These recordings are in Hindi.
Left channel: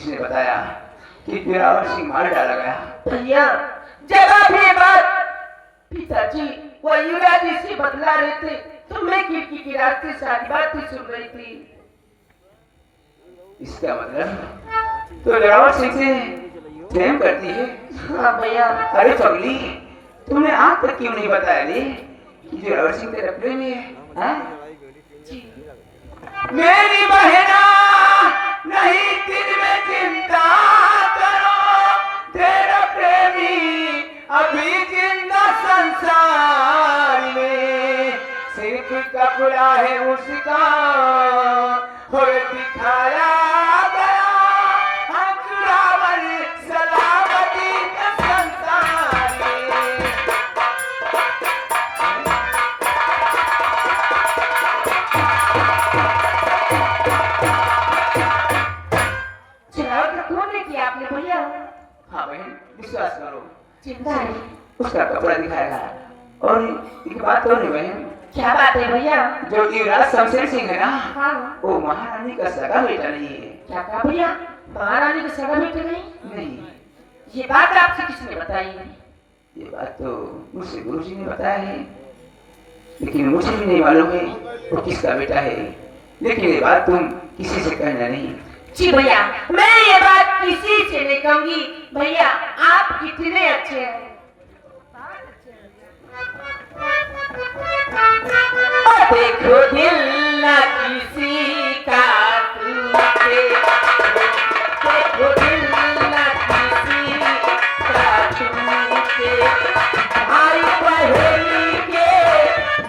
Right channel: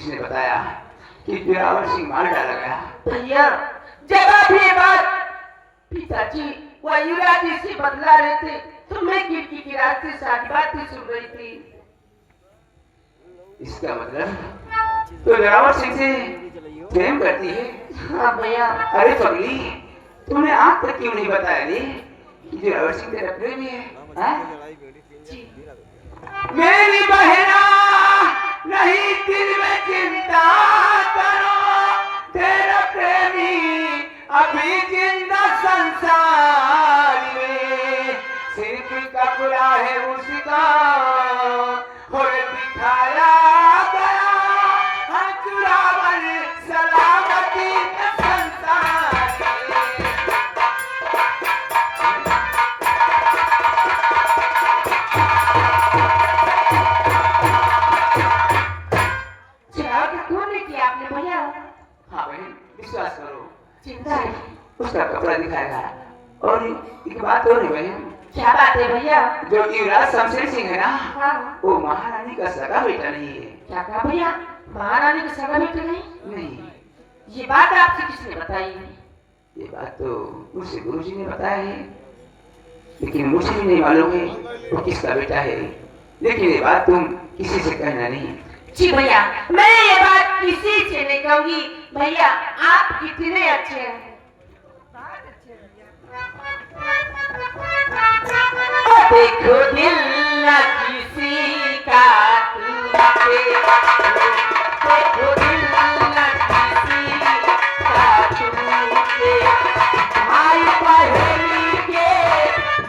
जिसने बताया कि दिलावर सिंह मार डाला गया। भैया जरा भी बात पिताजी वो युवराज से बदला रहे थे तो मैं खिड़की के रास्ते सारी बातें सुन रही थी। इसका मतलब तो दिलावर सिंह से प्रेम करती है? हाँ भैया। अरे पगली, तुमने आज तक क्यों नहीं बताया रे कि दिलावर सिंह तेरा प्रेमी है? हाँ? मेरी बहना नहीं दिल में चिंता करो, तेरा प्रेमी अभी जिंदा संसार में, सिर्फ कपड़ा है उसका और दिखाया गया हंसरावर सलामती संसार में। आपने भैया? हाँ बहन, विश्वास करो, चिंता है उसका कपड़ा दिखाया और एक बात और है बहन। क्या बात है भैया? जो युवराज शमशेर सिंह है ना, हाँ। वो महारानी का सगा बेटा नहीं है। क्या कहा भैया? महारानी का सगा बेटा नहीं? नहीं। ये बात आपसे किसने बताई? ये बात तो मुझसे गुरुजी ने बताया है, लेकिन मुझे नहीं मालूम है वो किसका बेटा है। लेकिन ये बात तुम किसी से कहना नहीं। जी भैया, मैं ये बात किसी से नहीं कहूंगी। भैया आप कितने अच्छे हैं। देखो दिल न किसी का टूटे, देखो दिल न किसी का टूटे, भाई बहनी के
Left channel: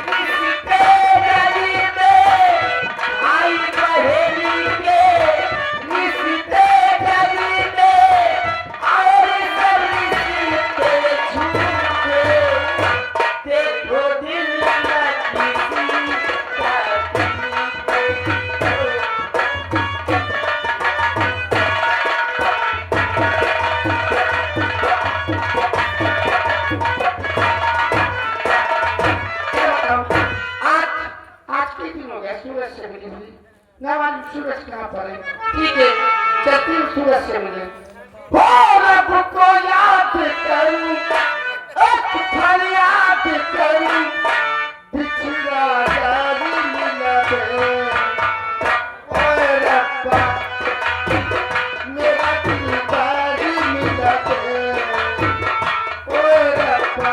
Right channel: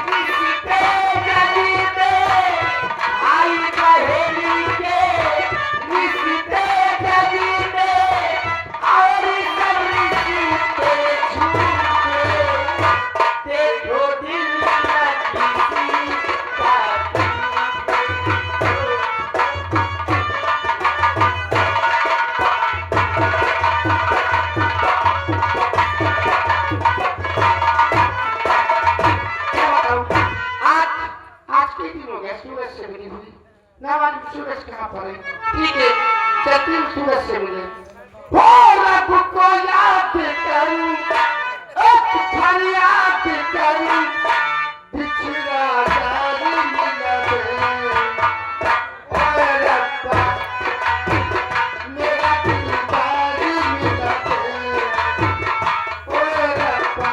रिश्ते गरीबे, भाई बहनी के रिश्ते गरीबे, और सब रिश्ते झूठे, देखो दिल न किसी का सूरज से मिली हुई ना वाली सूरज कहाँ पर है? ठीक है, चलती हूँ सूरज से मिले। रब को याद करूं, एक फरियाद करूं, बिछड़ा यार मिला है। ओए रब्बा, मेरा दीदार मिला है। ओए रब्बा,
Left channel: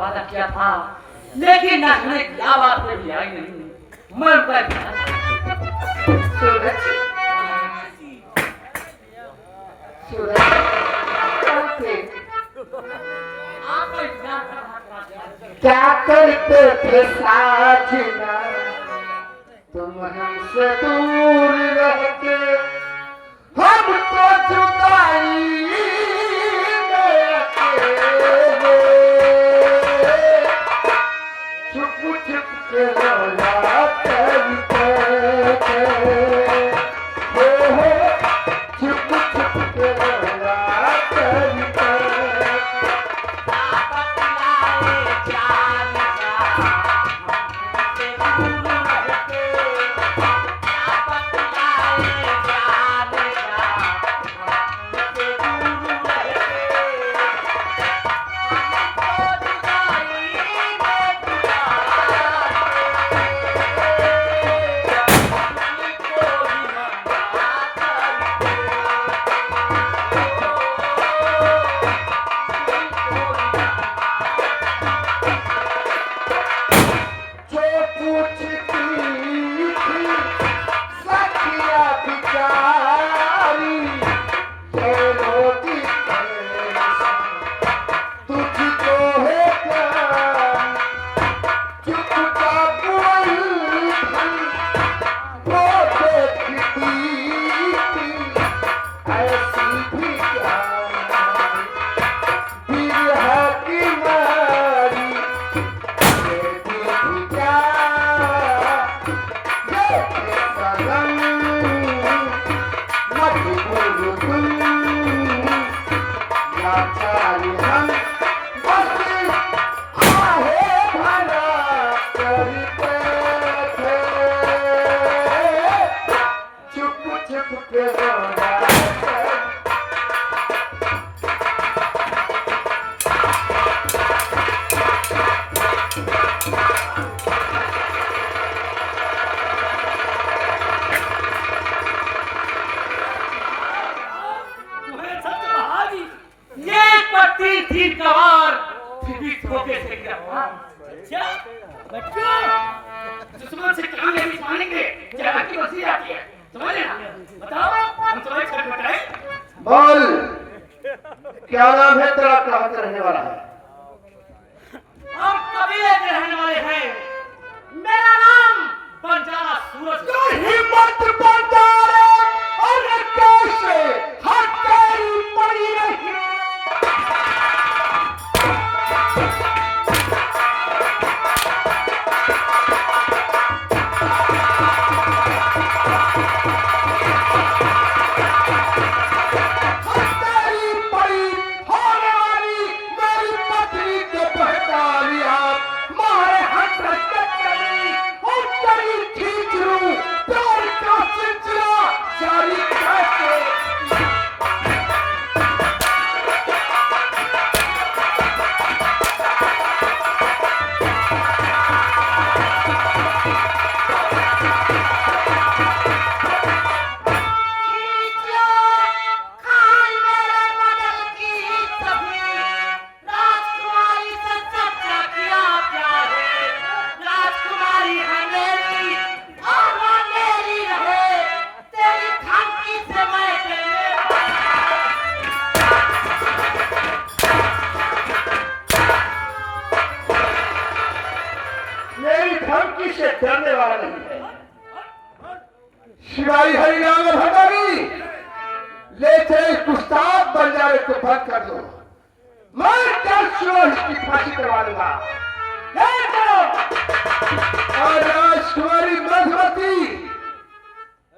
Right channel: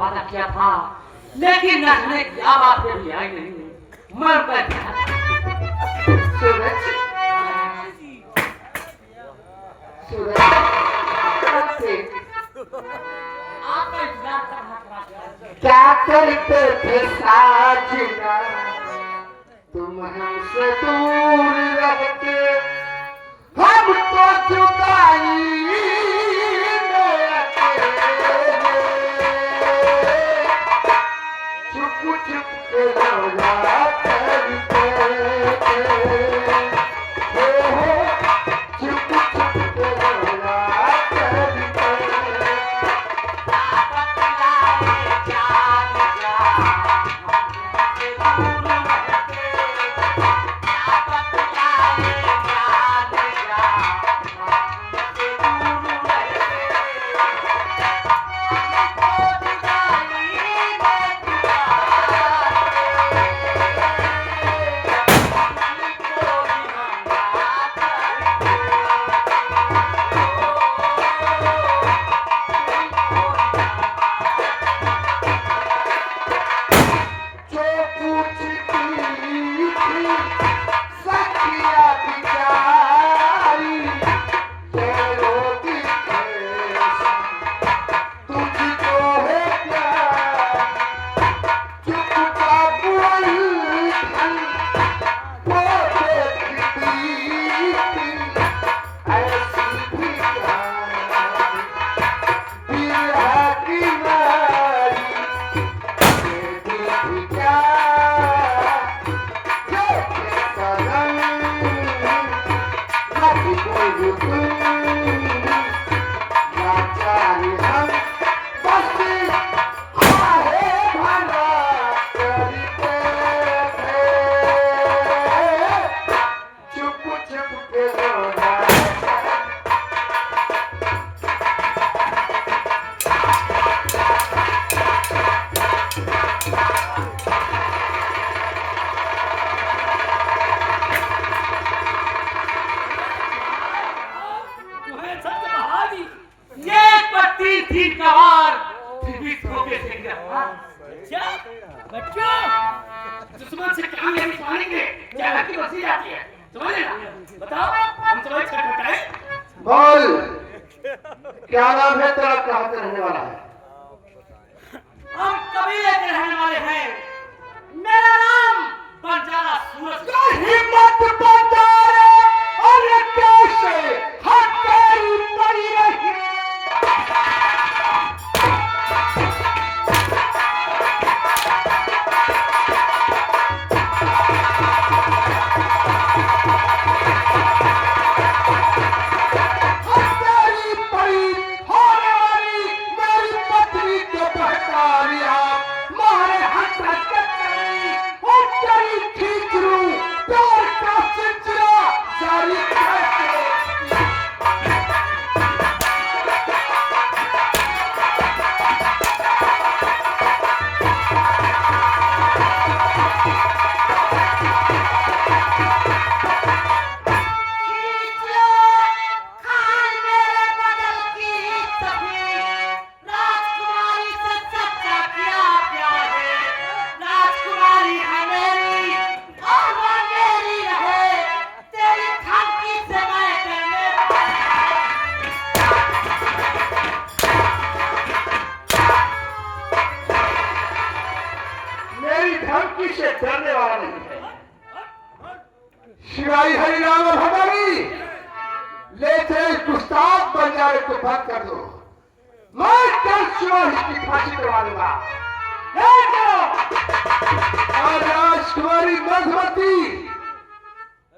वादा किया था, लेकिन नाचने की आवाज मेरी आई नहीं। मैं उनका सूरज, सूरज, आपका इंतजार करना क्या करते थे साजना, तुम हमसे दूर रह के हमको जुदाई बच्चों दुश्मन से काम नहीं पाएंगे जहाँ की बसी जाती है समझ ना बताओ हम थोड़े छटपटाए बोल क्या नाम है तेरा, कहाँ का रहने वाला है? हम कबीले के रहने वाले हैं मेरा नाम बंजारा सूरज हिम्मत बंजारे और कैसे हथेली पड़ी रही डरने वाला नहीं है। शिवाई हरिराम भंडारी ले चले गुस्ताव बंजारे को भग कर दो, मैं कल सुबह की फांसी करवा दूंगा। और राजकुमारी मधुमती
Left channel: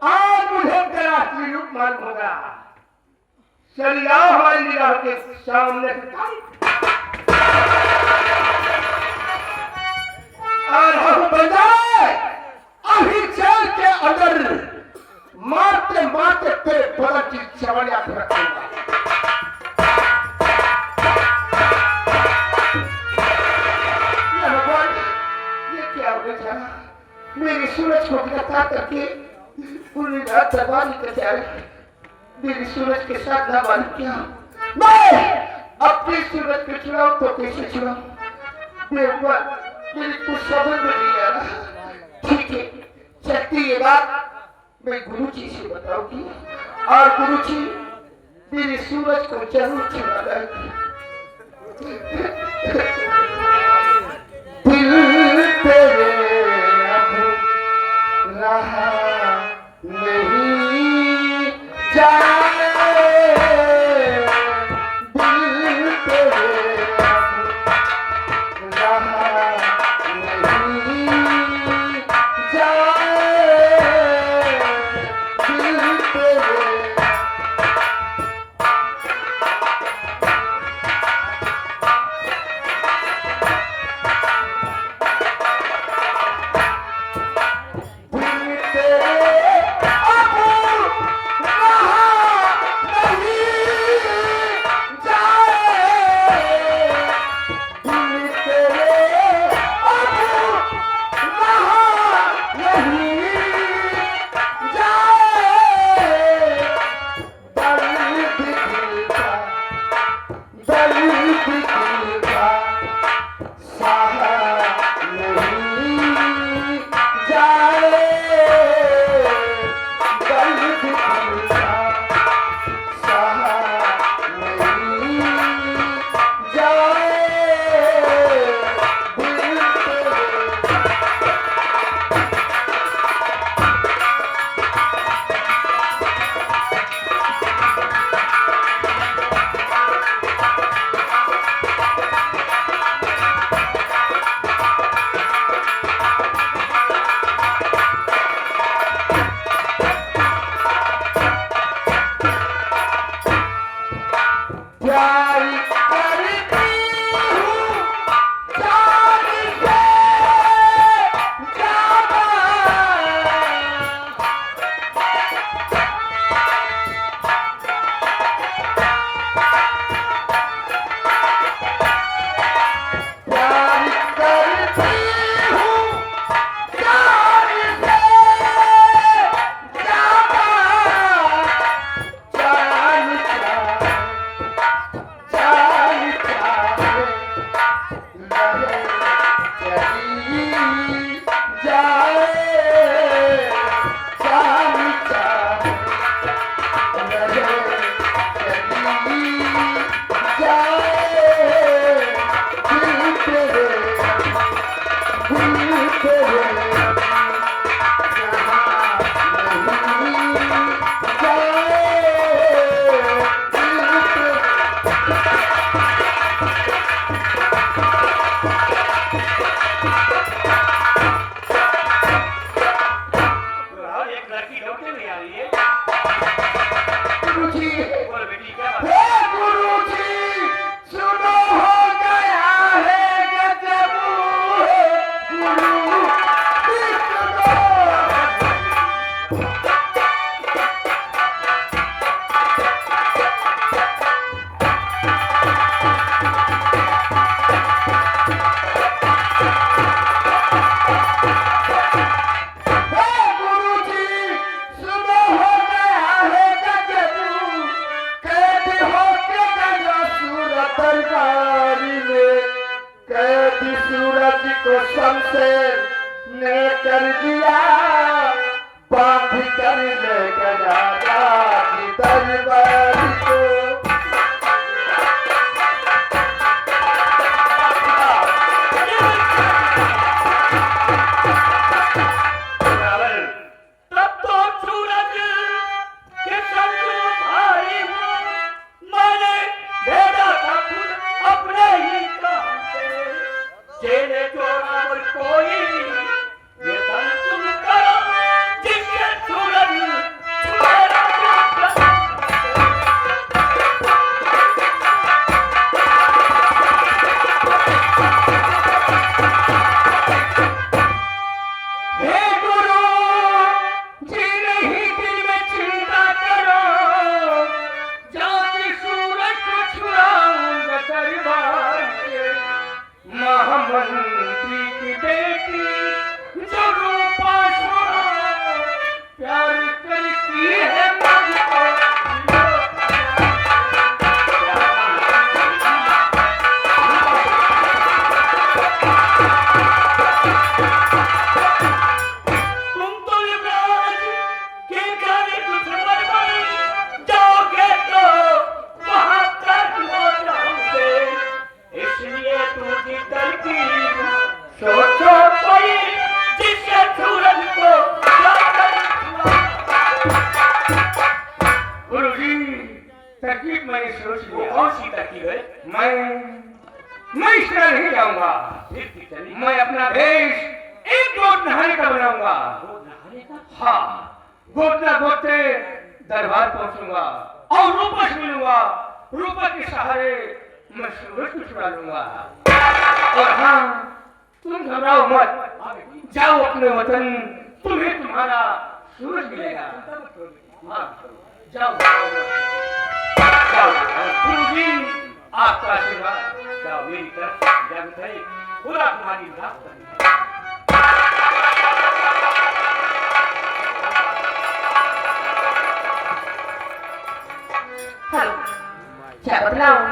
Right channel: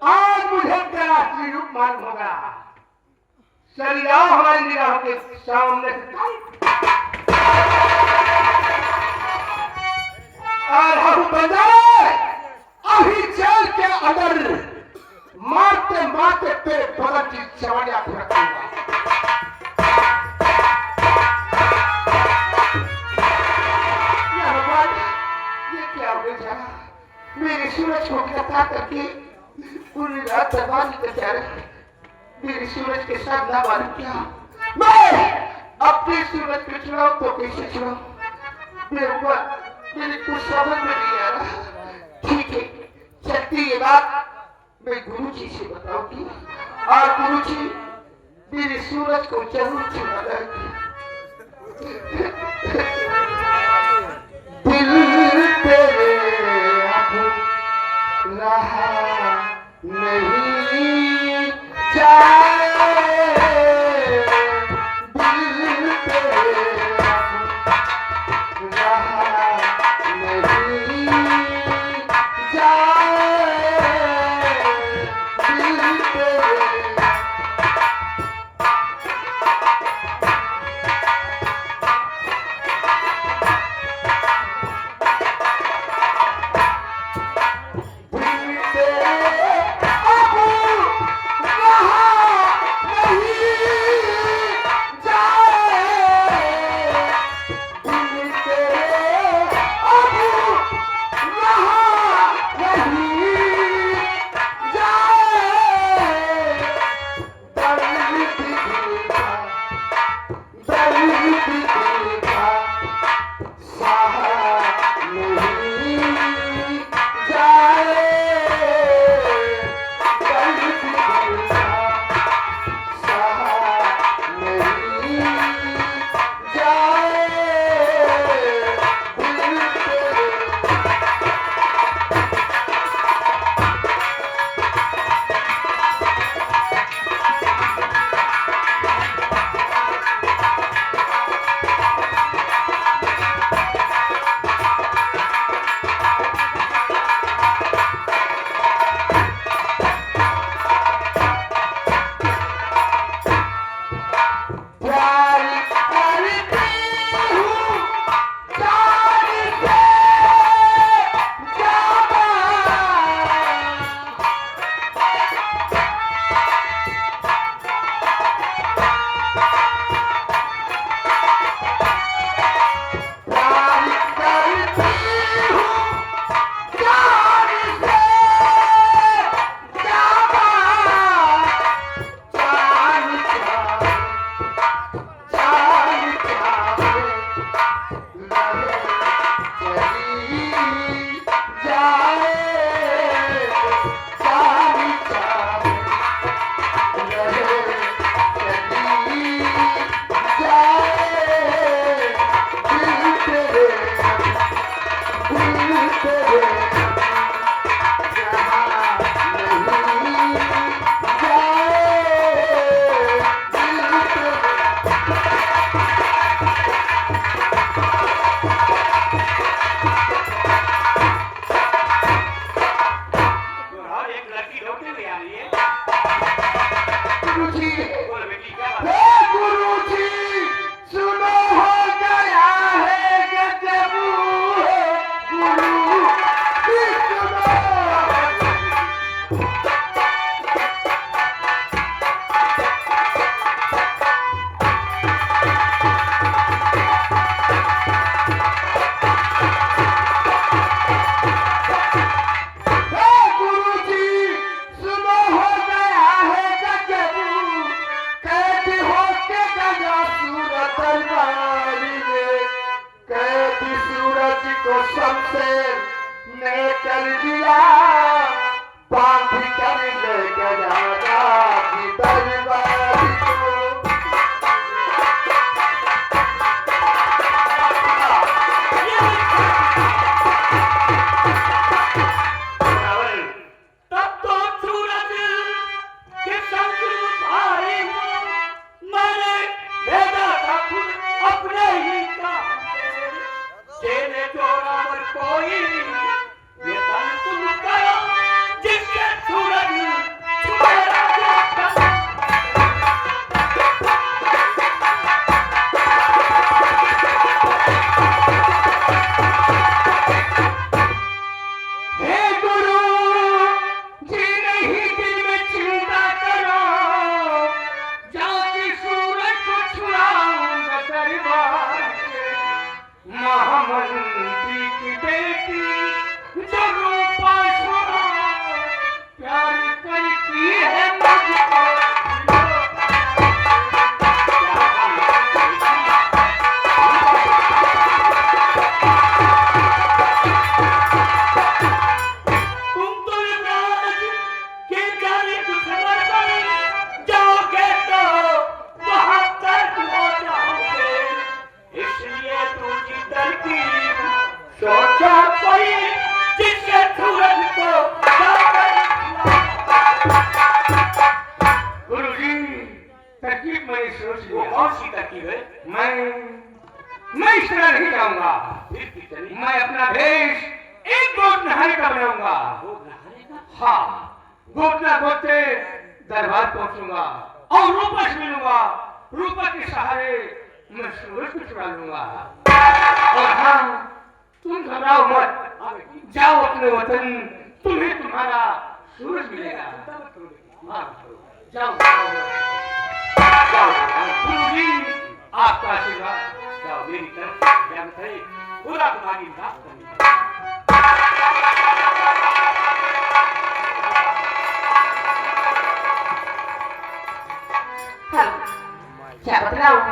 आज मुझे तेरा असली रूप मालूम होगा। चल जाओ हमारी निगाहों के सामने से और हम बंजारे अभी जेल के अंदर मारते मारते तेरे ढोलक की चवड़िया को रखूंगा। ये क्या हो गया? मेरी सूरज को गिरफ्तार करके पूरी रात दरबारी करते आ रहे, मेरी सूरज के साथ ना मालूम क्या मैं अपनी सूरज को चुनाव तो कैसे चुनाव मेरी कुछ समझ में नहीं आ रहा। ठीक है, चलती ये बात मैं गुरुजी से बताऊंगी और गुरुजी मेरी सूरज को जरूर छुड़ा दिल तेरे अब रहा नहीं जाए, दिल तेरे अब रहा नहीं जाए, दिल तेरे दिल तेरे गुरुजी, बोल बेटी क्या बात हे गुरुजी, सुनो हो गया है गजब, गुरु सुनो। सूरज को शमशेर ने कर दिया, बांध कर ले गया राज दरबार को। तब तो सूरज के संग भाई मैंने भेजा था खुद अपने ही काम से, तेरे जोड़ा और कोई ये तन तुम करो जिससे सूरज छुए महामंत्री की बेटी जो रूपा प्यार करती है मुझको। तुम तो युवराज के जाने कुछ बड़बड़ जाओगे तो वहां तक हो जाओगे, इसलिए तू जिधर की सोचो कोई जिससे सूरज को गुरुजी, तरकीब मैंने सोच लिया। कौन सी तरकीब है? मैं इस तरह नहीं जाऊंगा। फिर भी चलिए। मैं अपना भेष एक गोद नहाने का बनाऊंगा। वो नहाने का? हाँ, गोदना गोदते दरबार पहुंचूंगा और रूपा से मिलूंगा। रूपा के सहारे मैं सूरज को छुड़ा लूंगा। और हाँ, तुम घबराओ मत, जाओ अपने वतन, तुम्हें तुम्हारा सूरज मिलेगा। हाँ, जाओ जाओ जाओ। गुरुजी, आपका आशीर्वाद। जाओ मेरी तरफ इजाजत है, पूरा तुम्हारी हिसाब करनी है। क्या बतलाऊं,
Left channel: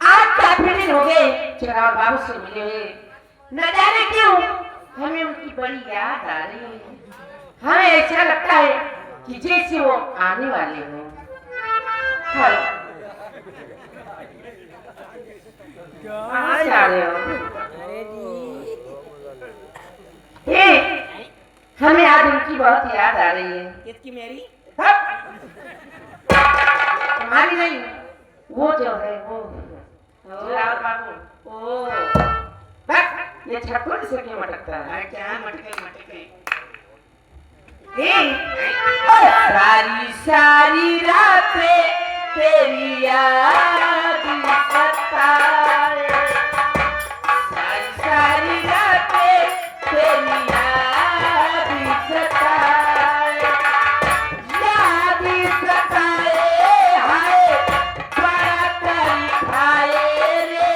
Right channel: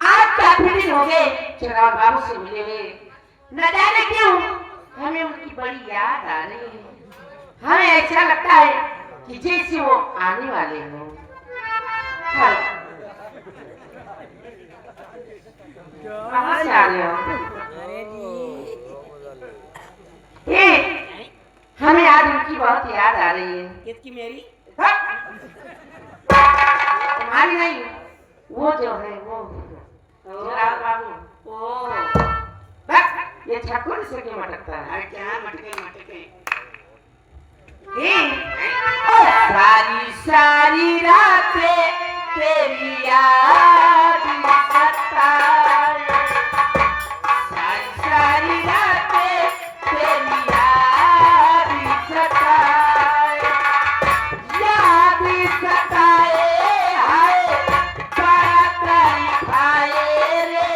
आज काफी दिन हो गए चराग बाबू से मिले हुए। न जाने क्यों हमें उनकी बड़ी याद आ रही है। हमें ऐसा लगता है कि जैसे वो आने वाले हो। कहाँ से आ रहे हो? अरे जी हमें आज उनकी बहुत याद आ रही है। किसकी? मेरी? तुम्हारी नहीं, वो जो है वो चराग बाबू। ओ बस ये छकुल से क्यों मटकता है? क्या मटके? सारी सारी रातें तेरी याद सताए, सारी सारी रातें तेरी याद सताए, याद सताए, हाय बड़ा तेरी खाए रे,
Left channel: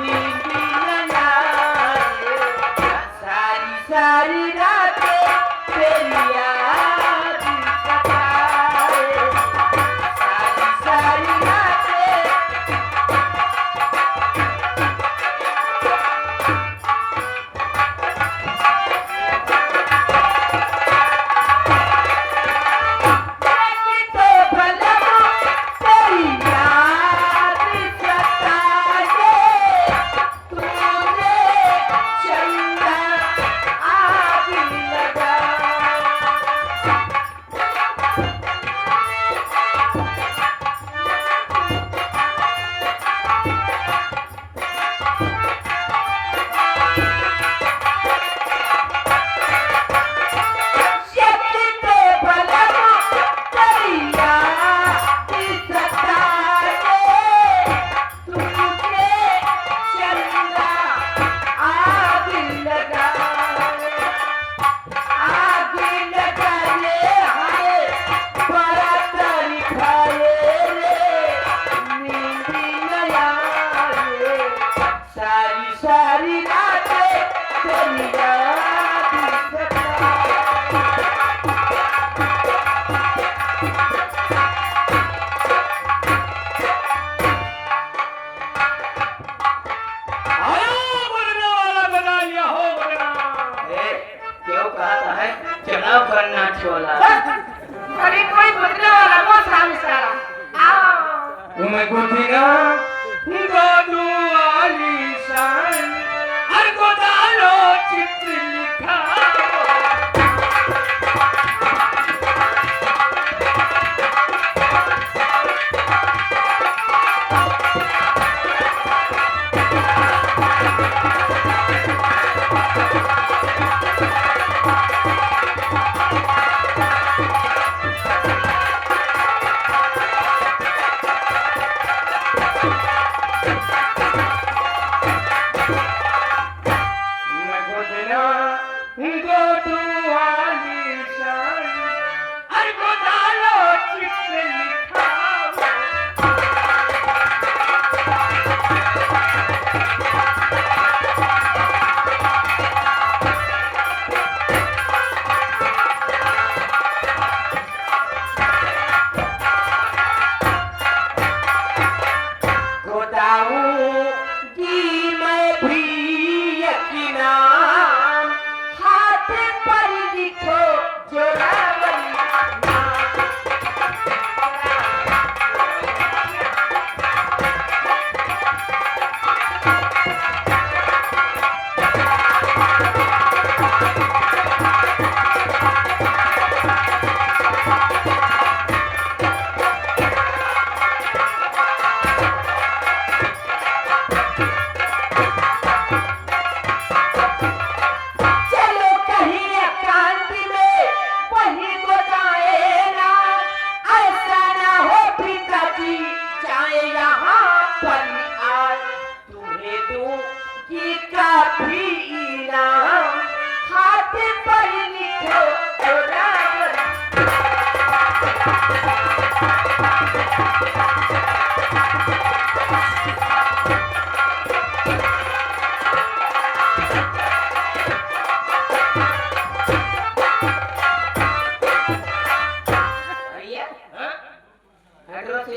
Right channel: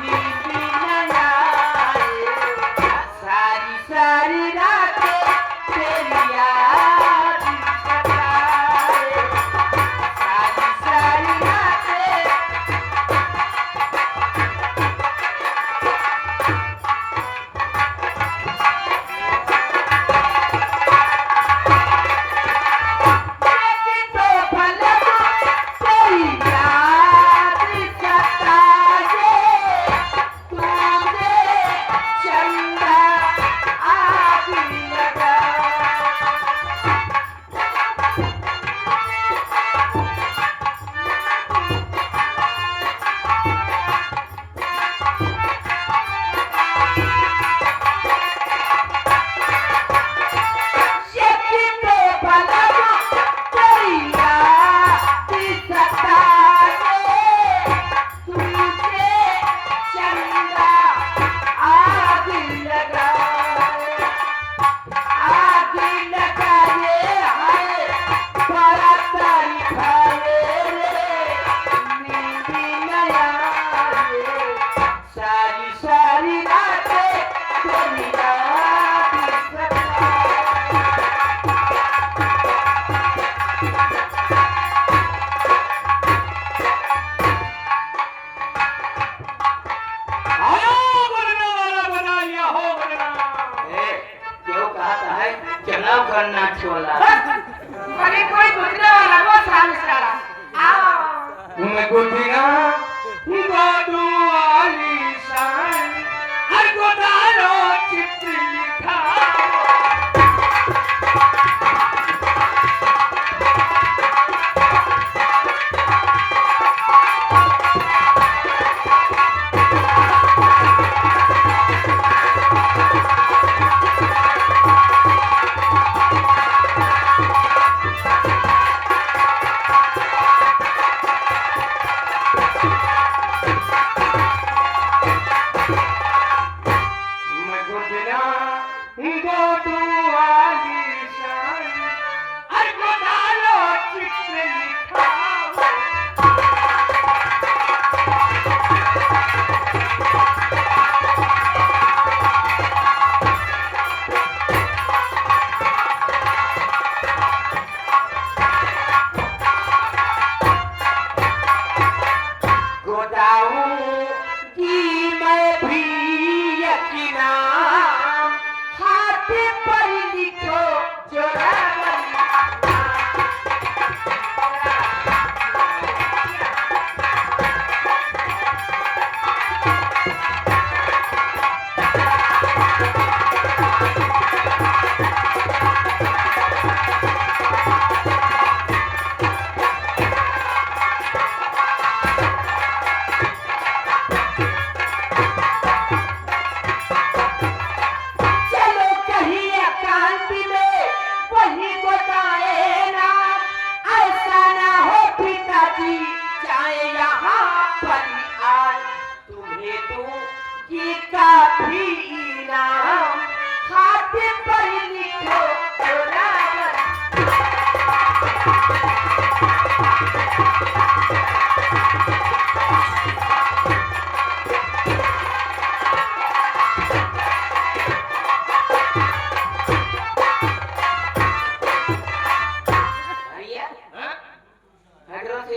नींद न आए, सारी सारी रातें तेरी याद सताए, सारी सारी रातें सारा आओ मैं गोदीना गोदू आलीशान हर गोदानो चित्र लिखा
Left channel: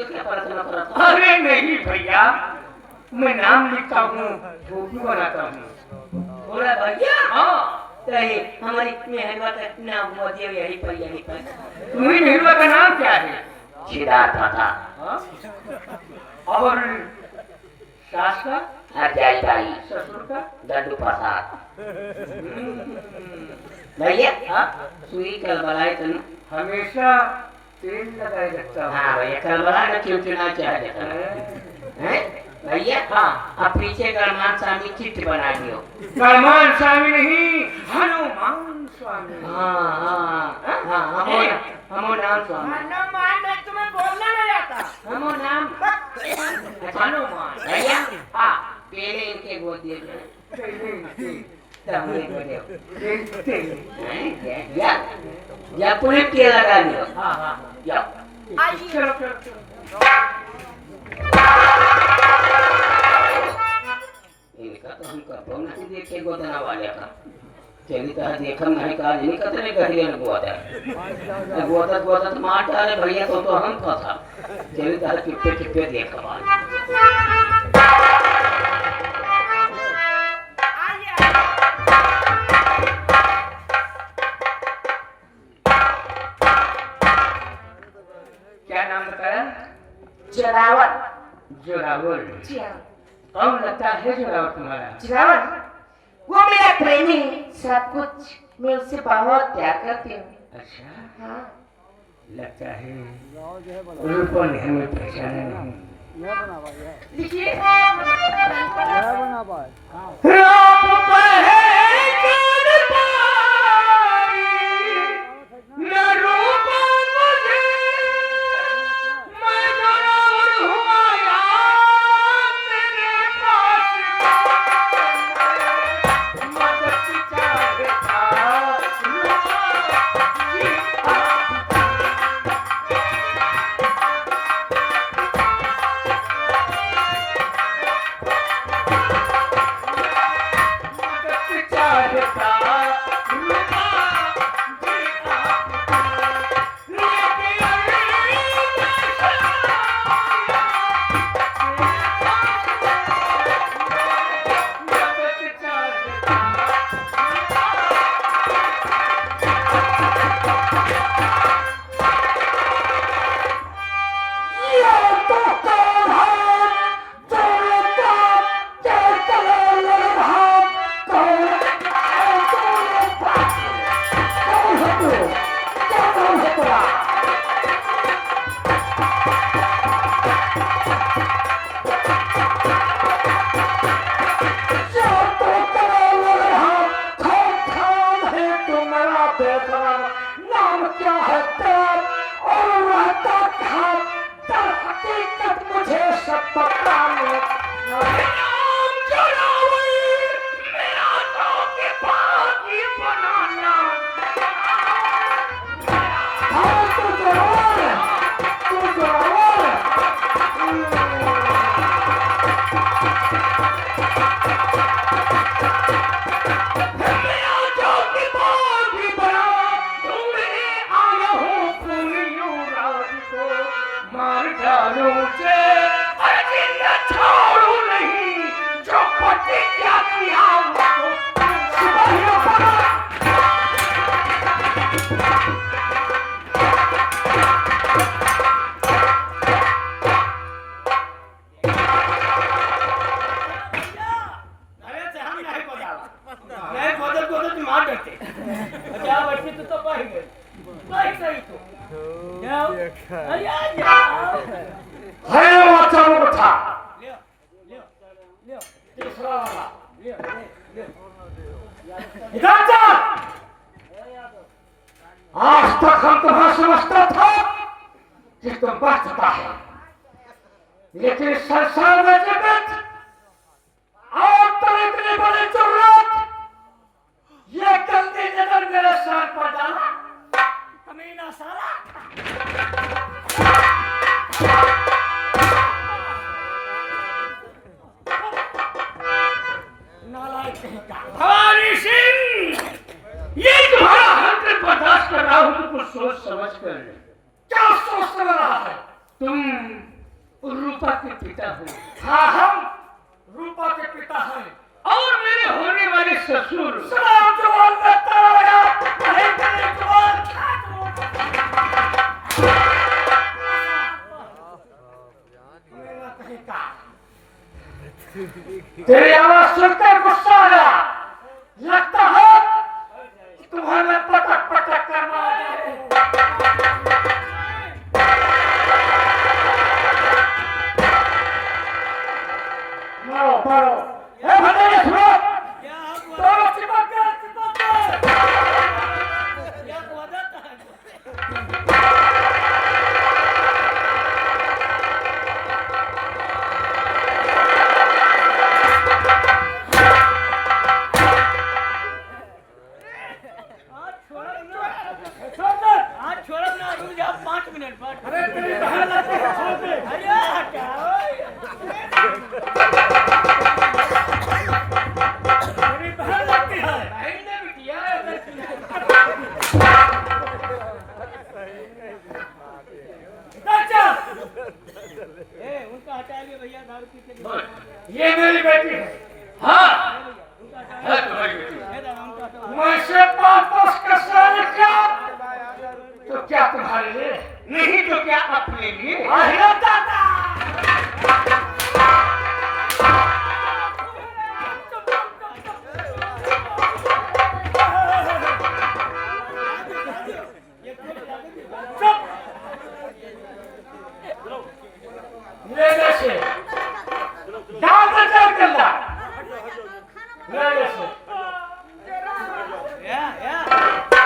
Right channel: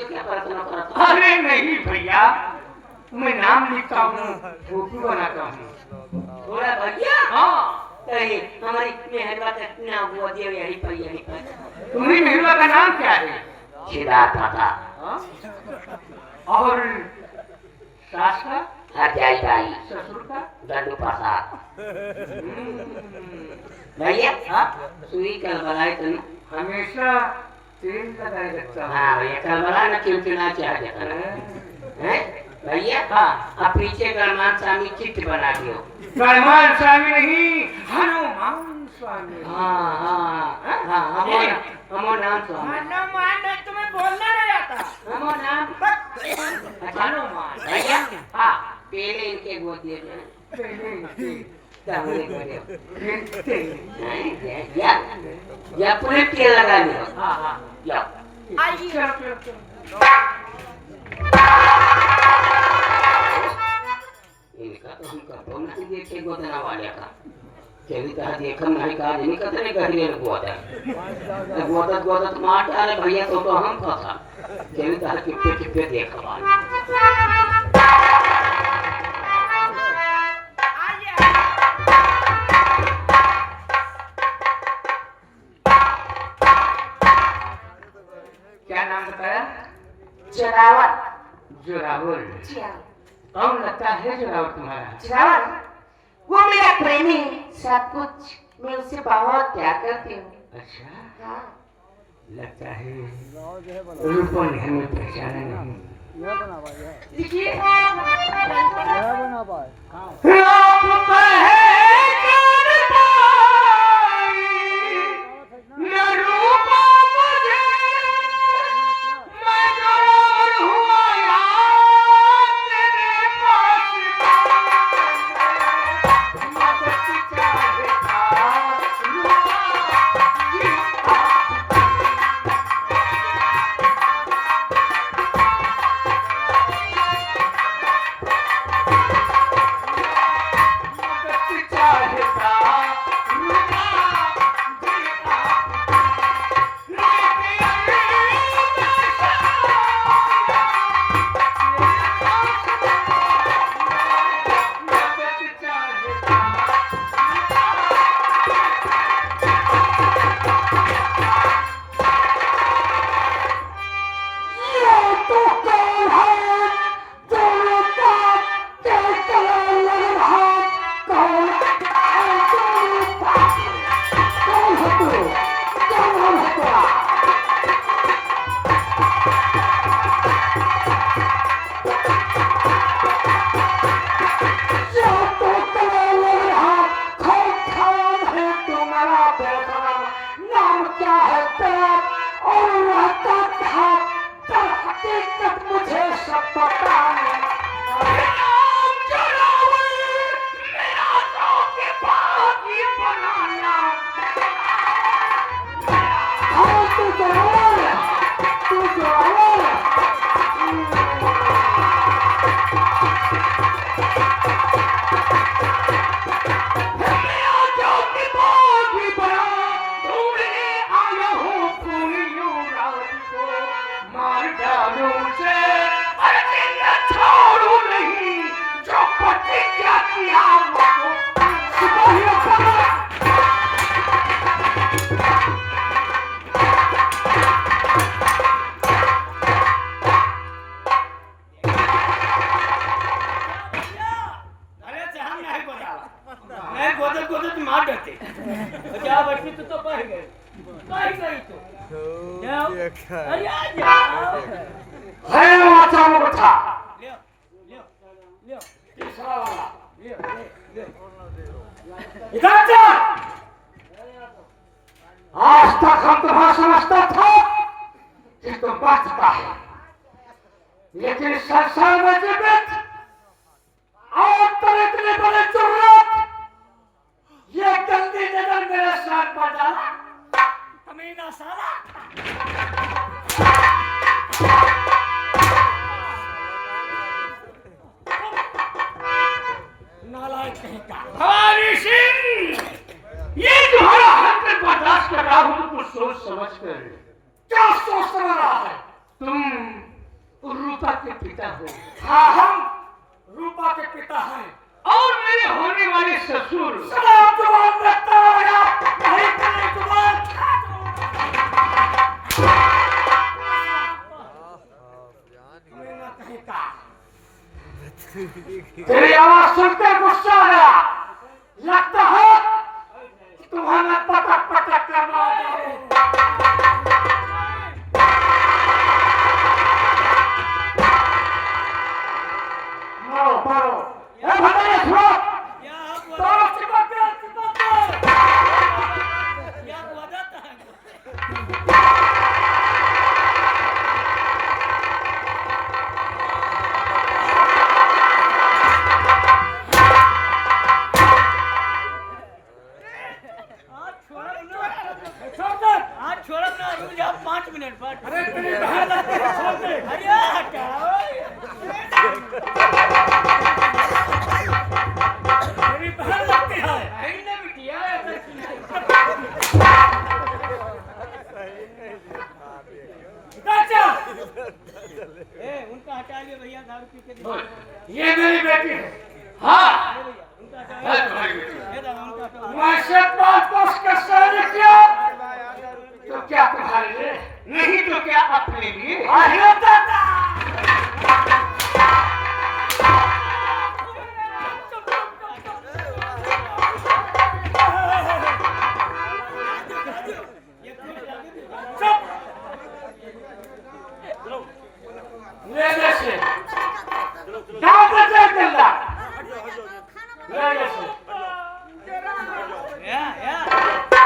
अरे नहीं भैया, मैं नाम लिखता हूँ, फोटो बनाता हूँ। बोला भैया हाँ, कहीं हमारी मेहनवा का इतना वो दिया यही भैया नहीं पता तुम्हें नेहरुआ का नाम क्या है? सिद्धार्थ था हाँ? और सास का? हरजाई भाई ससुर का? गड्डू प्रसाद भैया हाँ? सुई कल बनाए तुम हमेशा तेल लगाए रखता हूँ। हाँ भैया कल बना ना चुनचुना चाह देता है भैया हाँ। अब पीछे गणमान स्वामी चित्र बना दियो गणमान स्वामी नहीं, हनुमान स्वामी। हाँ हाँ हाँ हमो नाम स्वामी हनुमान तुम्हें बोलना नहीं आता। हमो नाम हनुमान भैया हाँ पहले इनके गोद दिए या पूरे पेड़ लगा लियो हाँ हाँ या आइए चलो चलो चलो। इनका तो हम कतो नहीं देखे गोदना वाले का केनी कहा देखम नहीं कहा नहीं कतरे करिए गोदा गोदा तो मारता है भैया तो हम फंसा केनी कहा चुप्पे चुप्पे देखा क्या नाम बताया? जोरावर जोरावर। कौन लगता है जोरावर तुम्हारा? जोरावर वो मेरा प्रेमी सब कुछ मैं उससे बहुत प्यार करती हूँ अच्छा, हाँ लगता है रूपन हमें पहचाने नहीं। देखिए सब पता है राम चलावे मेरा तो के भागी बनाना हाँ तू जवान अरे जहाँ नहीं बदला नहीं बदल मार देते जा बैठी तो बह गई तो अरे आ जाओ है वाचाओ उठा ले तीसरा वाला ले इधर जा आज तक हम तुम्हें समझता था कि तुम बचता है लेकिन संसार में जीवित और इतनी बड़ी जरूरत ये गलती नजर मेरे सर पर डाला कमीना साला नालायक कहेगा भवानी सिंह ये तुम्हारा हक बर्दाश्त कर रहा हूं तो कुछ सोच समझ कर क्या सोच रहा है तुम रूपा के पिता हो हाँ हम रूपा के पिता हैं और मेरे होने वाले ससुर सलाम जवान रखता है नहीं तेरी जवान कमीना कहेगा तेरी आवाज सुनते गुस्सा आया लगता है तुम्हारा पटक पटक कर मारा मारो मारो ए भगाने छोड़ो क्या हुआ तोड़ो चिपक गए क्या हुआ जाता है आज छोड़ो ना रुक जा 5 मिनट बाद अरे तेरी बहन लगती है छोड़ दे अरे हटाओ तेरी बहन लगती है बहन ने बिटिया चाचा ए उनका हटा लिए भैया दारू पी के ये मेरी बेटी है हाँ उनका हटा है तुम्हारी बेटी उनका हटा मैं से पास का शादी किया तो क्या तुम्हारे लिए नहीं तो क्या अपने लिए लेने से दांत जा करना लेने से या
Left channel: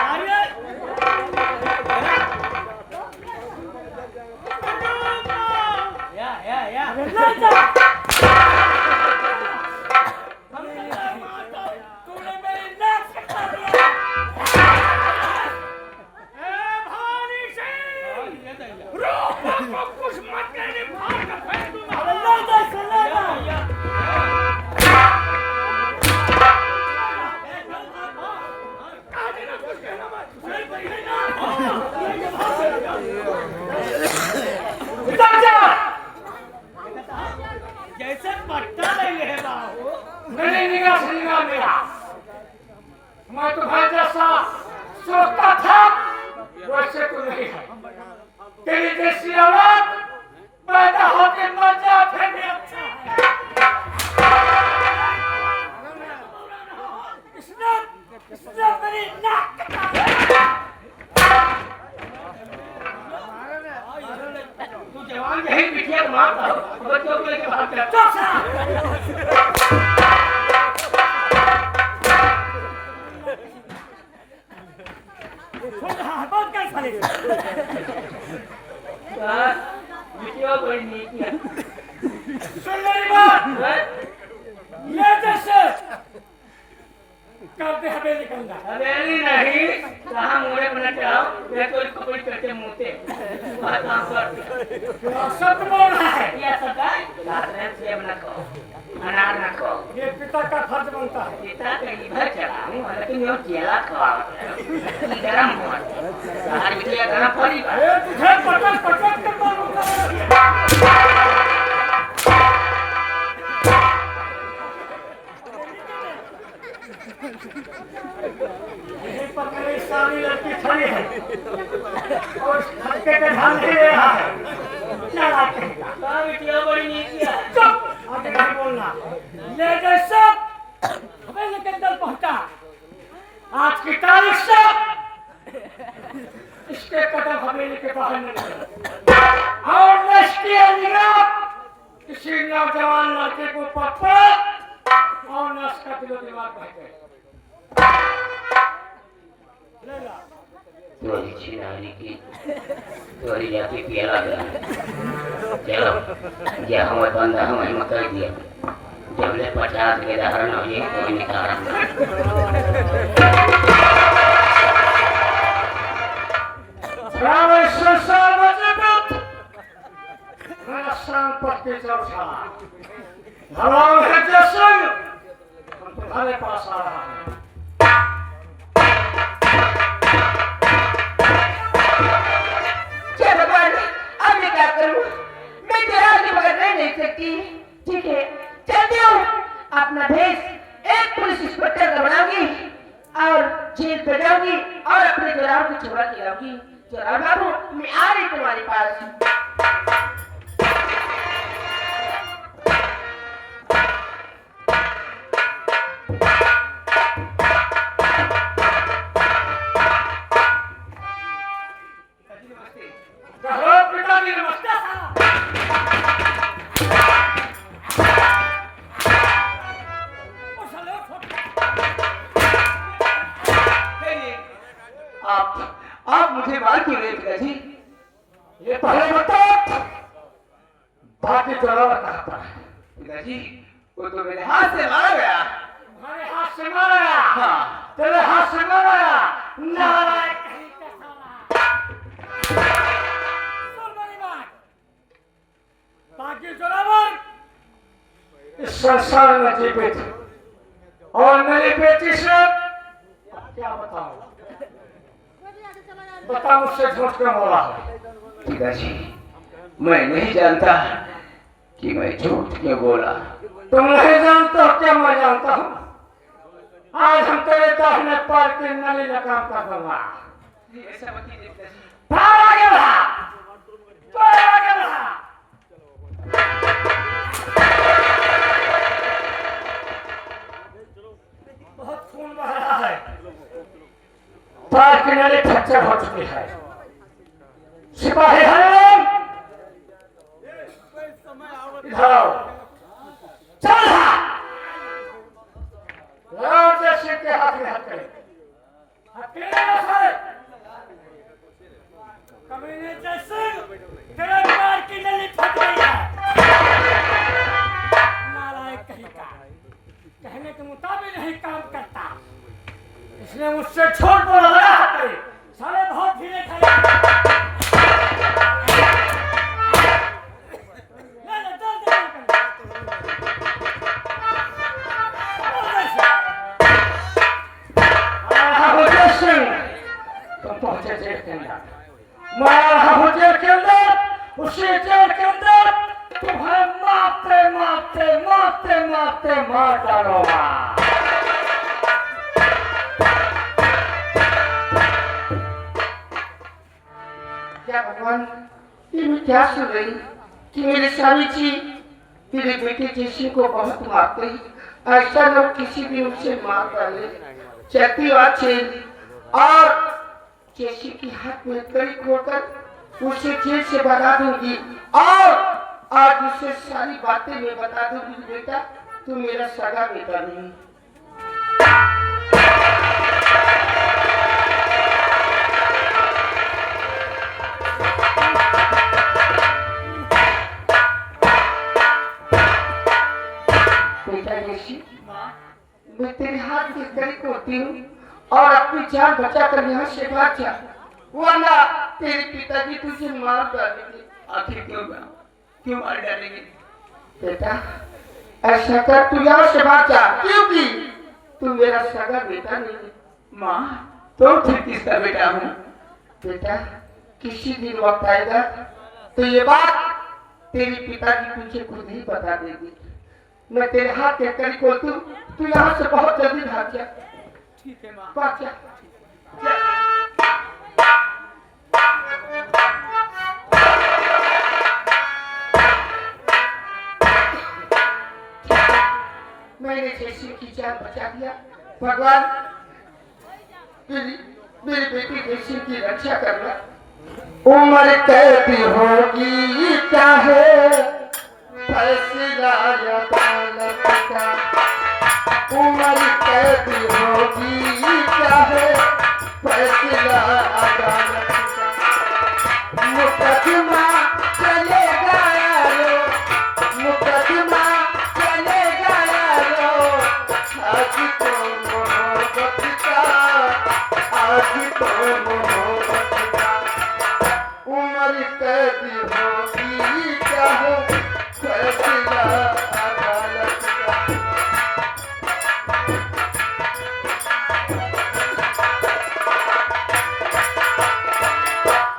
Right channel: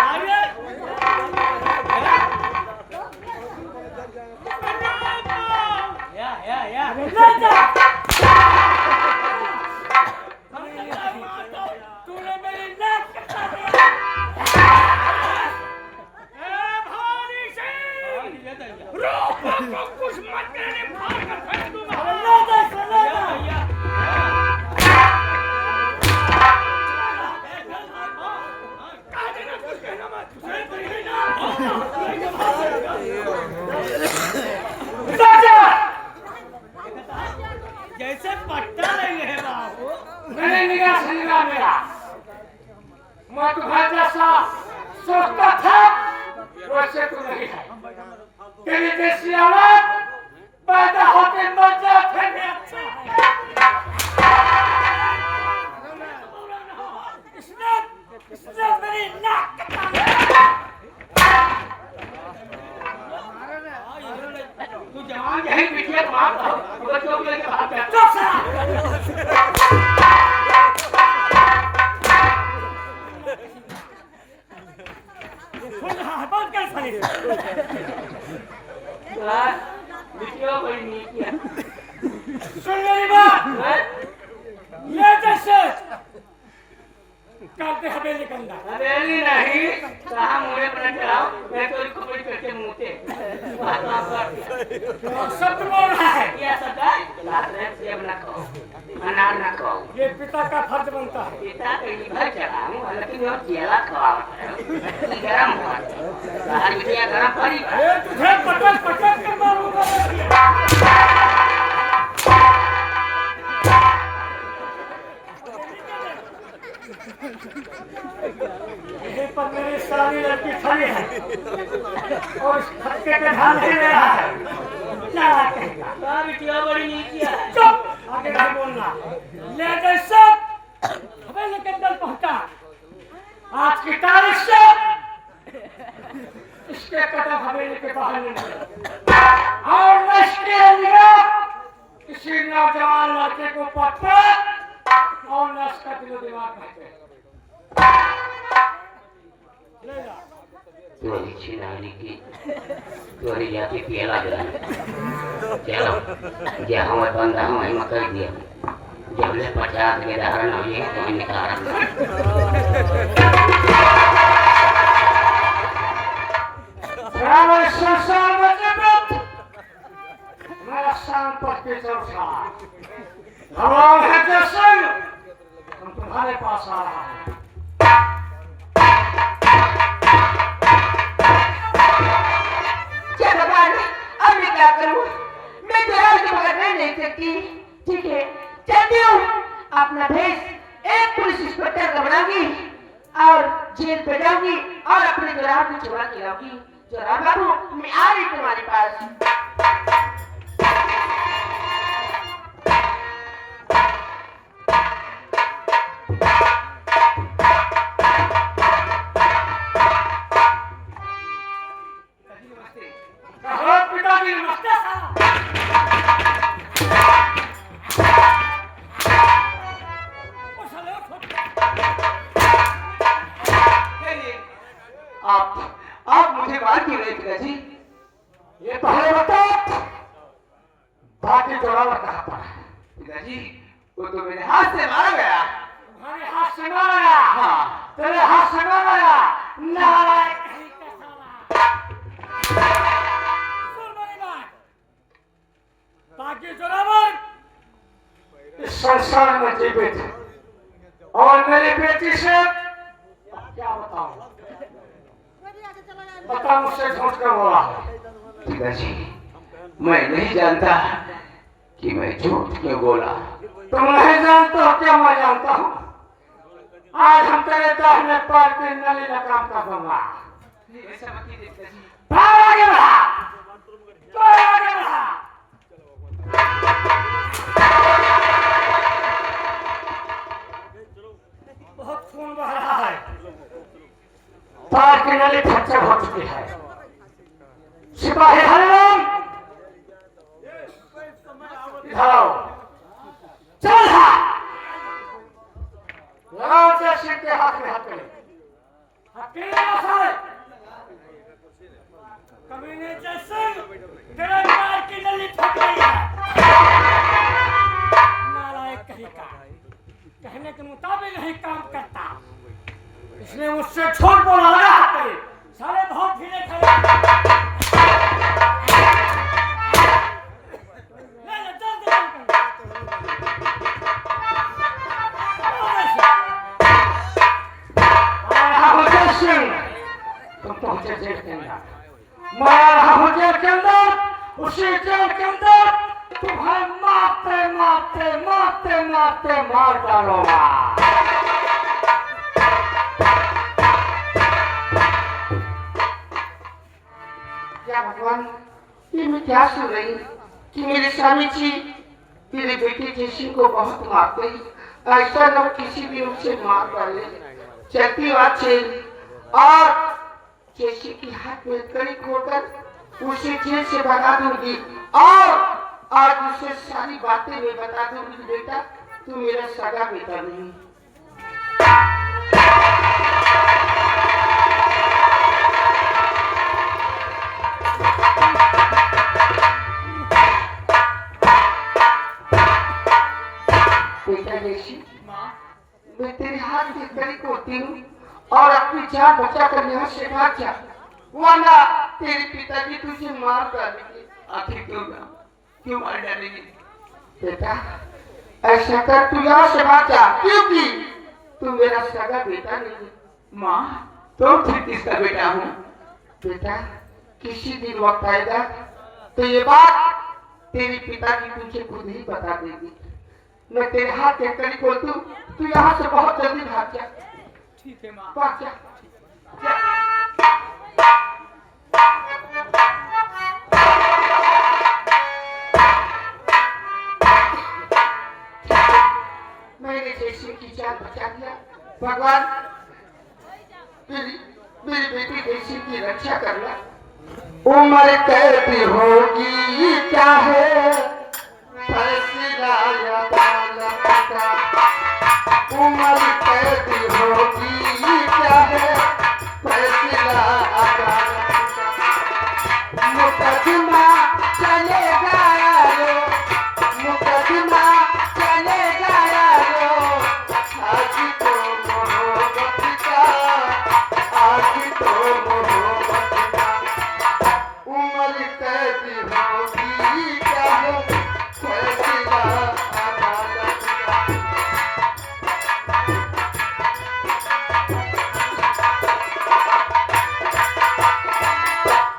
अरे या तूने मेरी नाक कटा दिया भवानी सिंह रूपा को कुछ मत कहने फाड़ कर फेंक दूंगा कहा देना कुछ कहना मत जैसे पट्टा नहीं है बाबू मैंने निगाह से निगाह मेरा मैं तुम्हारे जैसा सोचता था वैसे तो नहीं है तेरी जैसी औलाद पैदा होके मर जा फिर भी अच्छा है इसने मेरी नाक कटा तू जवान यही बिटिया मारता हो बच्चों को लेकर भागता है सुन रहा है बहुत क्या फले निकलो कोई नीति सुन मेरी बात, ये जैसे करते हवेली के अंदर हवेली नहीं, कहाँ मुझे बना चढ़ाओ, मैं तो इसको कोई करते मुँहते सच बोल रहा है। क्या सदा रात में सेब न खाओ, अनार न खाओ, ये पिता का फर्ज बनता है। पिता कहीं भर चढ़ाऊं, लेकिन वो केला खवाओ, गरम हुआ, सारी चीज़ गरम पड़ी। ए, तुझे पटक पटक कर मारूंगा। यहीं पर मेरी सारी लड़की खड़ी है और उस खट्टे पे ध्यान दे रहा है। क्या कहेगा? बाप क्या बड़ी नीति है। चुप, आगे नहीं बोलना। ले जैसे हवेली के अंदर पहुंचा, आज की तारीख से इसके कदम हवेली के बाहर निकले और नष्टी किसी नौजवान लड़के को पकड़ और न उसका दिलो दिमाग बहके ले जा। चोरी छिनारी की चोरी जाके पियला गया, चलो क्या हमें बंदा हमें मकर दिया, जब ले 50 ले रहा ना ये तो निकाला। रावण संसार में जगत मेरा शान पर के चौथा हमारा है जैसे हम तुम्हारे पास आ रहा हूँ। क्या भगवान, अब मैं क्या करूं? मैं तेरा के बगैर रह नहीं सकती। ठीक है, चलती हूँ। अपना भेष एक पुलिस इंस्पेक्टर का बनाऊंगी और जेल पे जाऊंगी और अपने चौराहों को छोड़ा के लाऊंगी। चौराहा बाबू, मैं आ रही तुम्हारे पास। कहो पिताजी नमस्ते आप मुझे मार क्यों नहीं पिताजी? ये पहले बता बाकी जवाब कहा था। पिताजी वो तो मेरे हाथ से मारा गया। तुम्हारे हाथ से मारा गया? हाँ। तेरे हाथ से मारा गया? नारायण कहीं का साला। सुन मेरी बात, बाकी जोरावर इस संसार में जीवित और मेरी बेटी से क्या बताऊं? बता मुझसे झूठ क्यों बोला? पिताजी मैं नहीं जानता कि मैं झूठ क्यों बोला। तुम नहीं जानते हो क्या मैं जानता हूँ? आज हम तेरे दाहिने पैर की नली लगाम कर दूंगा। ऐसा मत कीजिए पिताजी। आगे बढ़ा, तो आगे बढ़ा। बहुत खून बह रहा है, पैर की नली फ्रैक्चर हो चुकी है। सिपाही हरिओम, इधर आओ। चल लगाओ जैसे के हाथ में हाथ करें। कमीने जैसे तेरे पैर की नली फट गई है। नालायक कहीं का कहने के मुताबिक नहीं काम करता, इसने मुझसे छोड़ बोला लगा करे सारे बहुत ढीले खड़े। ले ले जल्दी पहुंचे जेल के अंदर, मैं जेल के अंदर, उसी जेल के अंदर तुम्हें मारते मारते मारते मारते मार डालूंगा। क्या भगवान, ये मैं क्या सुन रही कि मेरे स्वामी जी मेरे बेटे जैसी को बहुत मारते हैं। ऐसा लोग किसी भी उसे मार डाले। चलती बातें और जैसे कि हाथ में कड़ी होकर उसे जेल से भगा दूंगी और आज उसे सारी बातें मैं बता दूंगी। बेटा तू मेरा सगा बेटा नहीं। बोलती हूँ और अपनी जान बचा कर यहाँ से भाग जा, वरना तेरे पिताजी तुझे मार डालेंगे। आखिर क्यों मार डालेंगे? बेटा ऐसा कर, तू यहाँ से भाग जा, क्योंकि तू मेरा सगा बेटा नहीं है। माँ तो ठीक किसका बेटा हूँ? बेटा किसी दिन वक्त आएगा तो ये बात तेरे पिताजी तुझे खुद ही बता देगी। मैं तेरे हाथ के कड़ी को तू यहाँ से बहुत जल्दी भाग जा। ठीक है माँ। भाग जा, मैंने जैसे की जान बचा दिया, भगवान मेरी बेटी जैसी की रक्षा करना। उम्र कैदी होगी चाहे फैसला अदालत का, उम्र कैदी होगी चाहे फैसला अदालत का। मुकदमा चलेगा यारो, मुकदमा चलेगा यारो, आज तो मोहब्बत का, आज तो मोहब्बत का। उम्र कैदी होगी चाहे फैसला अदालत का।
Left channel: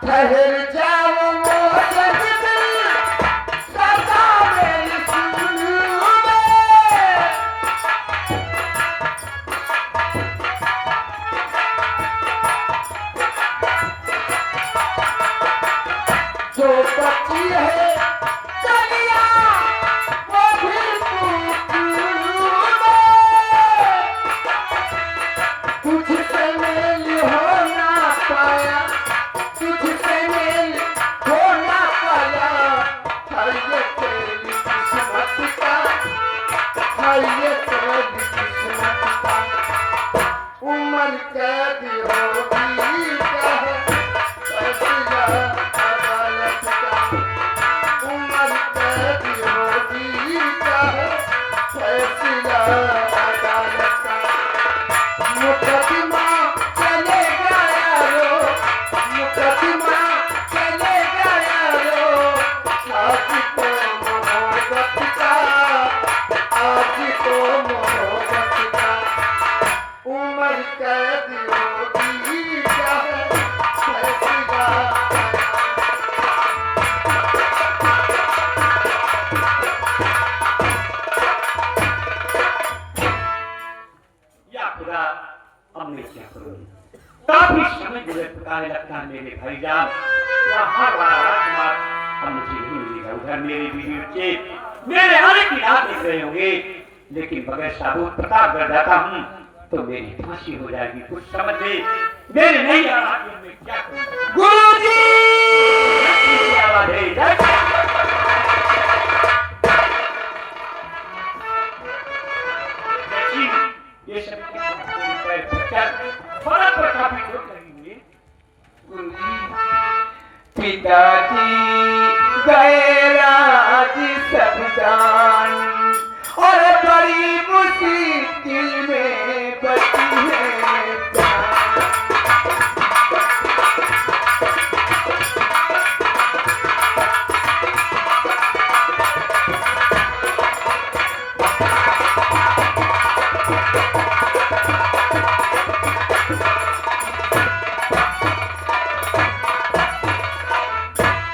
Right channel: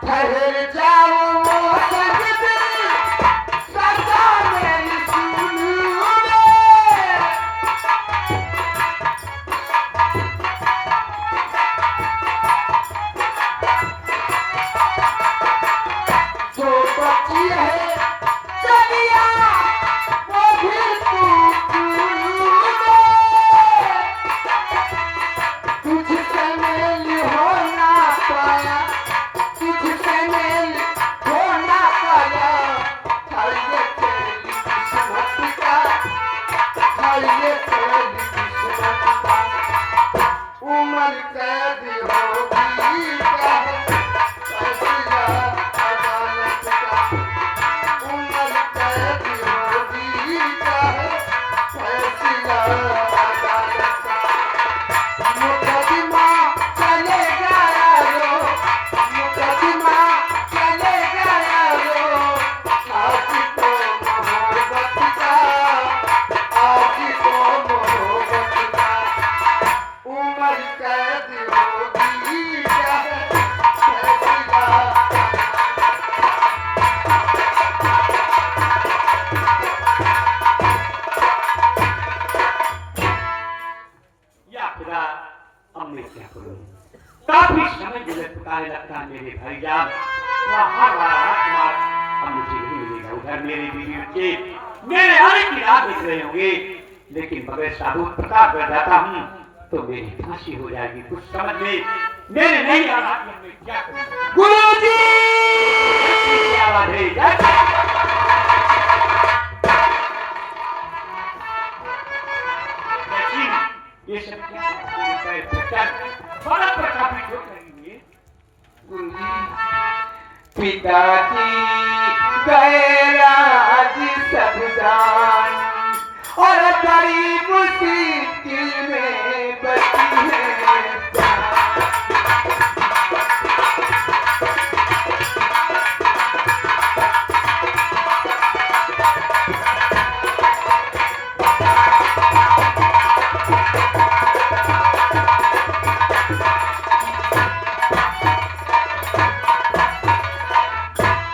ठहर जाओ मोहब्बत सदा मेरी सुनो जो बची है कलिया वो भी तुझसे मेल होना पाया, तुझसे मेल होना पाया। है ये तेरी किस्मत का, है ये तेरी किस्मत का। उम्र कैदी होगी चाहे फैसला अदालत का, उम्र कैदी होगी चाहे फैसला अदालत का। मुकदमा चलेगा यारो, मुकदमा चलेगा यारो, आज तो मोहब्बत का, आज तो मोहब्बत का। उम्र कैदी होगी चाहे फैसला या खुदा हमने से काफी समय गुजर चुका है, लगता है मेरे भाईजान यहाँ राजकुमार अब मुझे नहीं मिलेगा। उधर मेरे बीवी के मेरे आने की राह देख रहे होंगे, लेकिन बगैर साबुत प्रताप कर जाता हूँ तो मेरी फांसी हो जाएगी। कुछ समझ ले मेरे नहीं आ रहा कि अब मैं क्या करूँ। गुरुजी आवाज है, ये सब थोड़ा पर काफी चोट लगी है। पिताजी गए राज सब जान और बड़ी मुश्किल में बची है जान।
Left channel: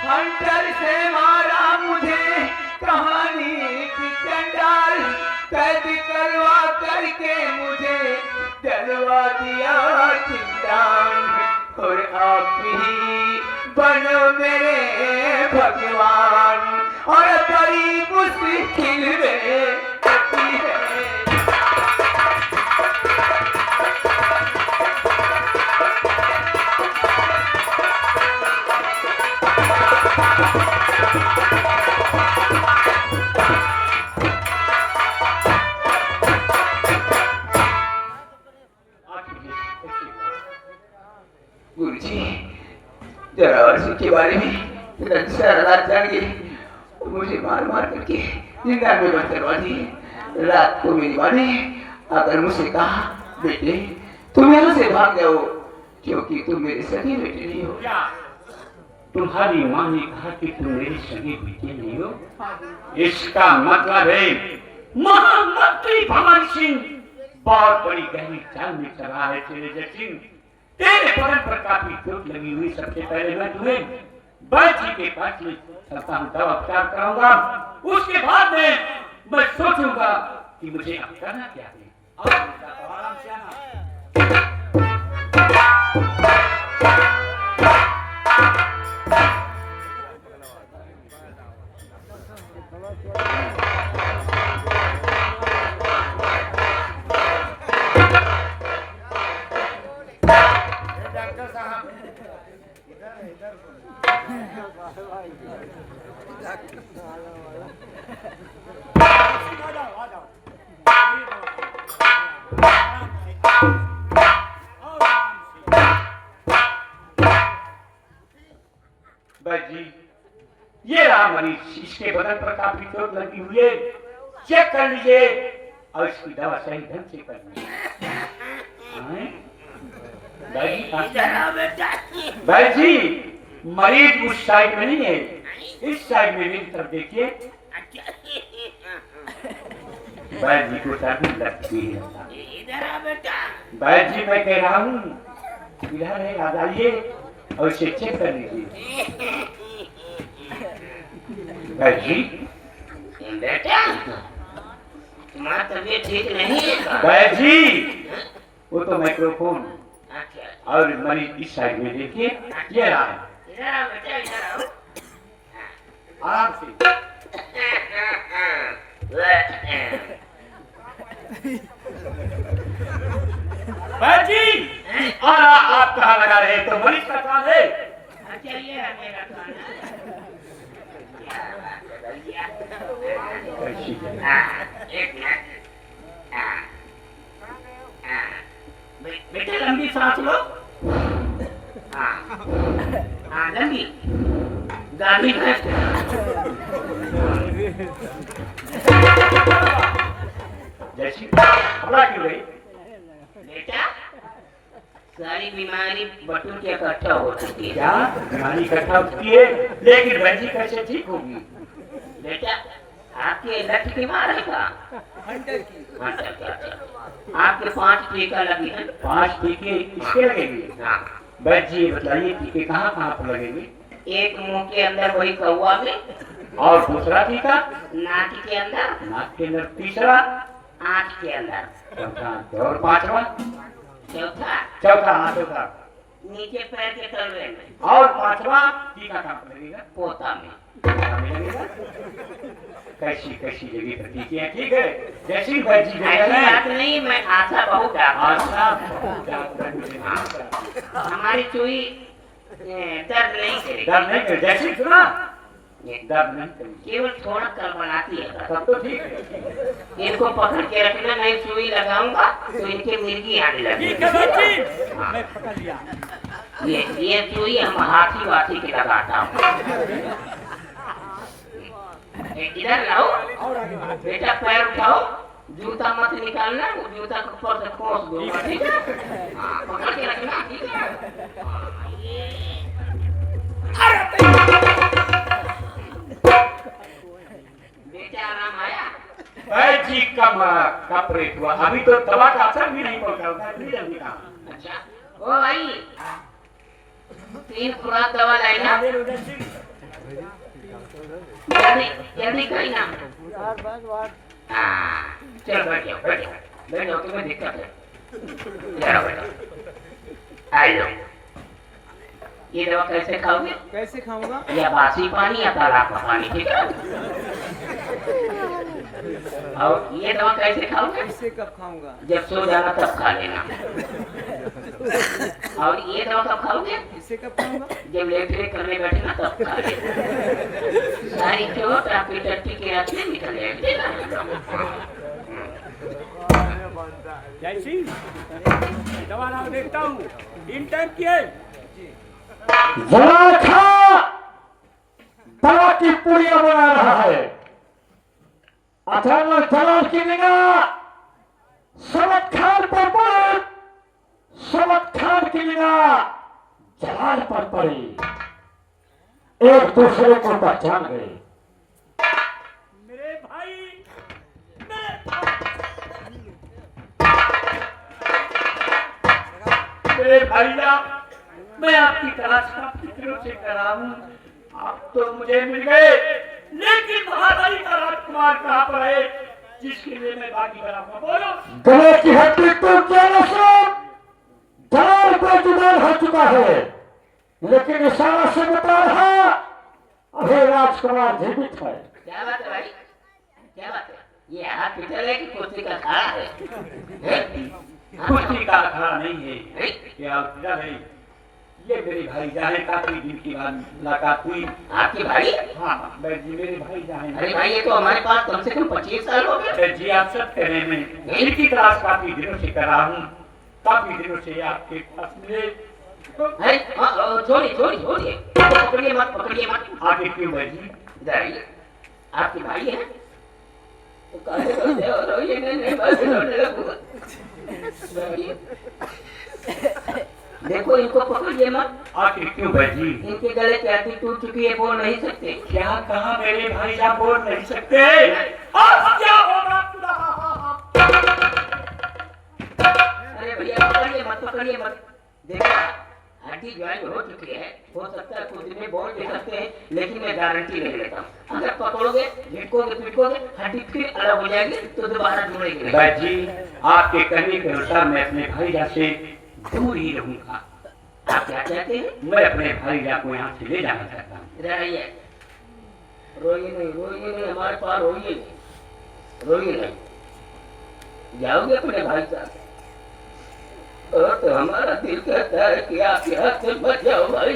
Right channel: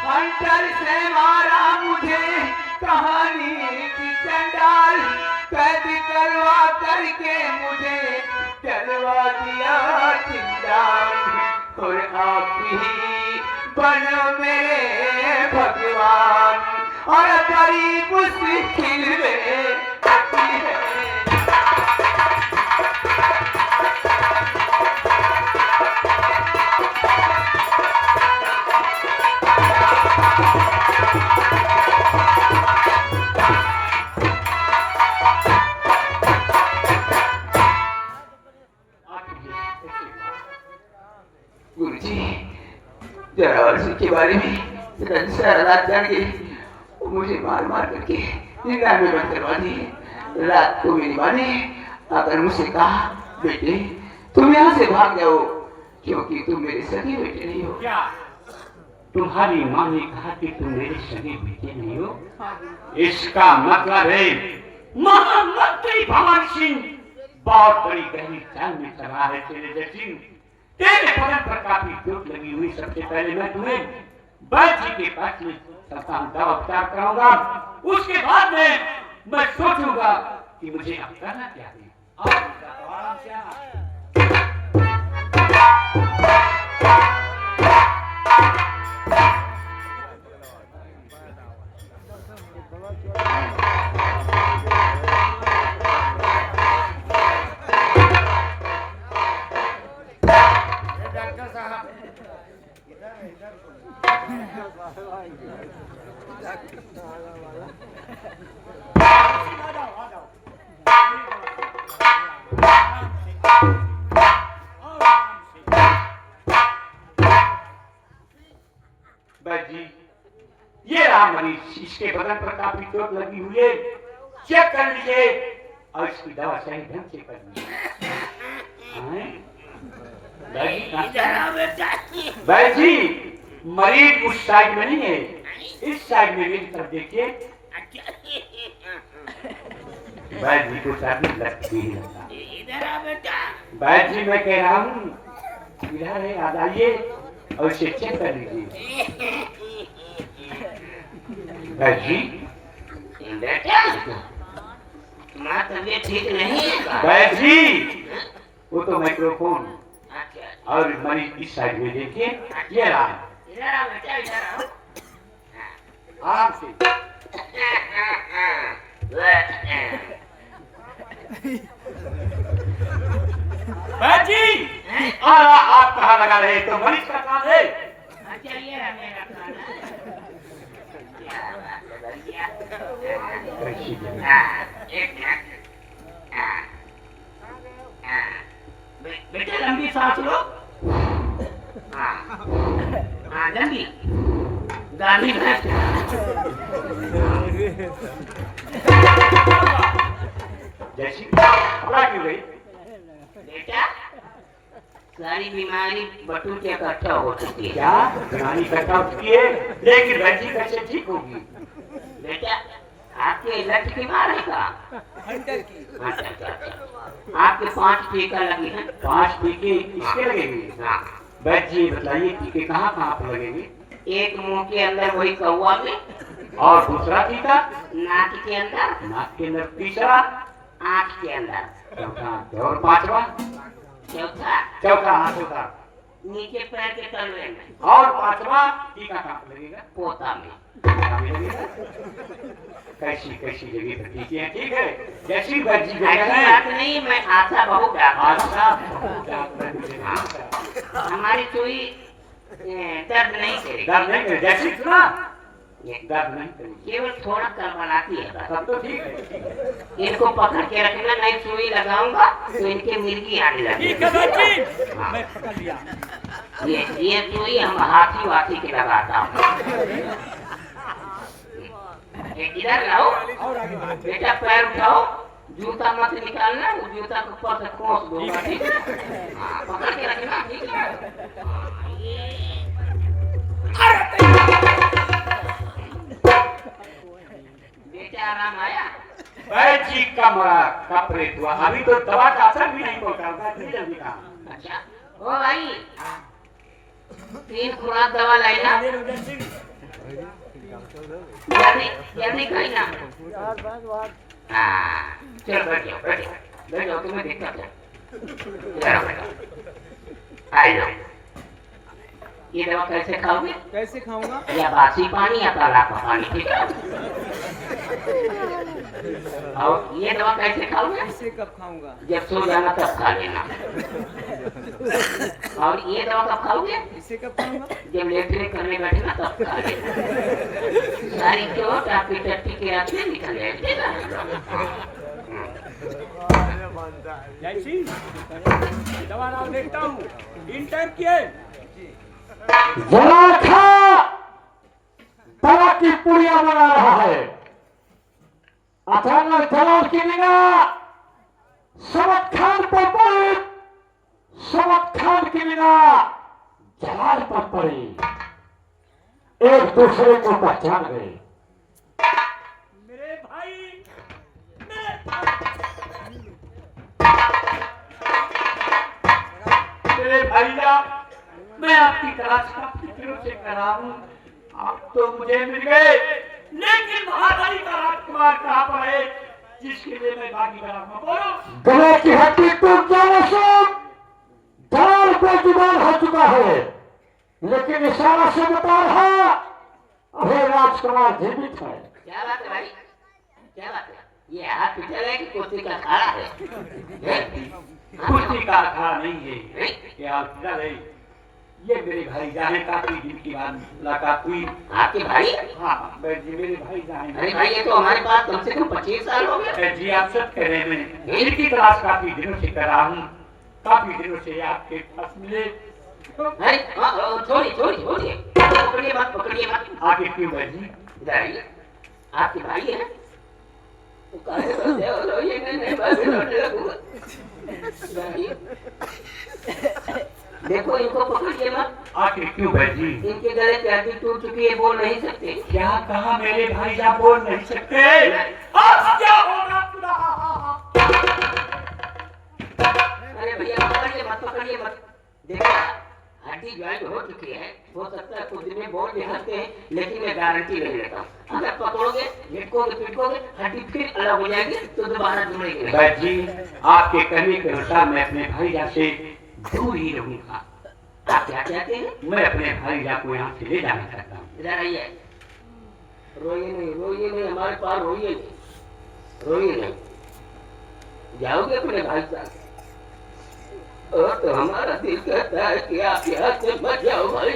हंटर से मारा मुझे कहानी की चंडाल, कैद करवा करके मुझे डलवा दिया जिंदान। और आप ही बनो मेरे भगवान और बड़ी मुश्किल में बची है। गुरुजी जरा अर्जुन के बारे में सारा रात जान के मुझे मार मार करके जिंदा में बंद करवा दी। रात को मेरी माँ ने आकर मुझसे कहा, बेटे तुम यहाँ से भाग जाओ क्योंकि तुम मेरी सगी बेटी नहीं हो। क्या तुम्हारी माँ ने कहा कि तुम मेरी सगी बेटी नहीं हो? इसका मतलब है महामंत्री भवन सिंह बहुत बड़ी गहरी चाल में चल रहा है। तेरे सिंह, तेरे बदन पर काफी चोट लगी हुई। सबसे पहले मैं तुम्हें वैद्य जी के पास ले चलता हूँ, दवा उपचार कराऊंगा। उसके बाद में मैं सोचूंगा कि मुझे अब करना क्या है। आराम से आना। जी, ये रहा मरीज। इसके बदन पर काफी चोट लगी हुई है। चेक कर लीजिए और इसकी दवा सही ढंग से कर लीजिए। भाई जी, मरीज उस साइड में नहीं है, इस साइड में मेरी तरफ देखिए। भाई जी को शादी लगती है। इधर आ बेटा। भाई जी मैं कह रहा हूँ इधर है, आ जाइए और इसे चेक कर लीजिए। भाई जी बेटा, तुम्हारा तबीयत ठीक नहीं है। भाई जी वो तो माइक्रोफोन और मरीज इस साइड में देखिए। ये रहा है। इधर आ बेटा, इधर आओ। आराम से। भाई जी आप कहाँ लगा रहे? तो मरीज का काम है। चलिए मेरा काम बेटा, लंबी सांस लो। हाँ लंबी गाड़ी में। जैसी हमारा क्यों गई? बेटा, सारी बीमारी बटू के इकट्ठा हो चुकी है। क्या बीमारी इकट्ठा होती है? लेकिन वैसी कैसे ठीक होगी? बेटा, आपकी लट की मार है का? हंटर की। अच्छा। आपके 5 टीका लगे हैं। 5 टीके किसके लगेंगे? वैद्य जी बताइए टीके कहाँ कहाँ पर लगेंगे? एक मुंह के अंदर वही कौवा में, और दूसरा टीका नाक के अंदर, नाक के अंदर, तीसरा आँख के अंदर, चौथा और पांचवा चौथा चौथा नीचे पैर के तलवे में, और पांचवा टीका कहाँ पर लगेगा? पोता में। कैसी कैसी जगह पर टीके हैं? ठीक है, जैसी वैद्य जी ऐसी बात नहीं, मैं आशा बहुत हमारी सुई दर्द नहीं करेगी। डर नहीं करे, जैसी सुना दर्द नहीं करेगी, केवल थोड़ा कड़बड़ाती है। तब तो ठीक है। इनको पकड़ के रखना, नहीं सुई लगाऊंगा तो इनके मिर्गी आने लगेगी। मैं पकड़ लिया। ये सुई हम हाथी वाथी के लगाता हूँ। इधर लाओ और आगे बढ़ो। बेटा, पैर उठाओ, जूता मत निकालना, वो जूता के ऊपर से खोस दो। हाँ, पकड़ के रखना, ठीक है? हाँ, ये बेटा आराम आया। वैद्य जी का ऑपरेट हुआ, अभी तो दवा का असर भी नहीं पहुंचा होगा। अच्छा, ओ भाई 3 खुराक दवा लाइना। जल्दी खाई ना। हाँ, चलो बैठ जाओ, तुम्हें दिक्कत है। आ लो, ये दवा कैसे खाओगे? कैसे खाऊंगा? या बासी पानी या तालाब का पानी पीते हो? और ये दवा कैसे खाओगे? इसे कब खाऊंगा? जब सो जाना तब खा लेना। और ये दवा कब खाओगे? इसे कब खाऊंगा? जब लेटने करने बैठना तब खा लेना। सारी चोट आपकी टट्टी के रास्ते निकल जैसी दवा नाम देखता हूँ। इन टाइम किए जलाखा दवा की पुड़िया बना रहा है। अचानक जलाल की निगाह समत खान पर पड़ी। समत खान की बिना जहाज पर पड़े, एक दूसरे को पहचान गए। मेरे भाई, मेरे भैया, मैं आपकी तलाश काफी दिनों से कर रहा हूँ। आप तो मुझे मिल गए, लेकिन महारानी का राजकुमार कहाँ पर है जिसके लिए मैं भागी बना हूँ? बोलो। गले की हड्डी टूट जाने से ढाल बेजुबान हो चुका है, लेकिन इशारा से बता रहा अभी राजकुमार जीवित है। क्या बात है भाई, क्या बात है? ये हॉस्पिटल है कि कुश्ती का अखाड़ा है? कुश्ती का अखाड़ा नहीं है, क्या हॉस्पिटल है? ये मेरे भाई जाने काफी दिन की बाद मुलाकात हुई। आपके भाई? हाँ, मेरे भाई जाने। अरे भाई, ये तो हमारे पास कम से कम 25 साल हो गए। जी आप सब कह रहे हैं, इनकी तलाश काफी दिनों से कर रहा हूँ। काफी दिनों से आपके पास मिले। छोड़िए, पकड़िए मत। आगे क्यों है जी? इधर आइए। आपके भाई है? तो काहे करते हो? रोइए नहीं, बस रोने लगूंगा। देखो, इनको पकड़िए मत। आखिर क्यों है जी? इनके गले की हड्डी टूट चुकी है, बोल नहीं सकते। क्या कहा मेरे भाई साहब? बोल नहीं सकते। आज क्या होगा खुदा? अरे भैया, पकड़िए मत। देखो, हड्डी ज्वाइन हो चुकी है, हो सकता है कुछ दिन में बोल भी सकते हैं, लेकिन मैं गारंटी नहीं लेता हूँ। अगर पकड़ोगे, झटकोगे, पिटकोगे, हड्डी फिर अलग हो जाएगी तो दोबारा जुड़ेगी। भाई जी, आपके कहने के अनुसार मैं अपने भाई से दूर ही रहूंगा। आप क्या कहते हैं? मैं अपने भाई को यहाँ से ले जाना चाहता हूँ। इधर आइए। रोइए नहीं, हमारे पास रोइए नहीं। जाओगे अपने भाई साहब? तो हमारा दिल कहता है कि आप यहाँ से मत जाओ भाई।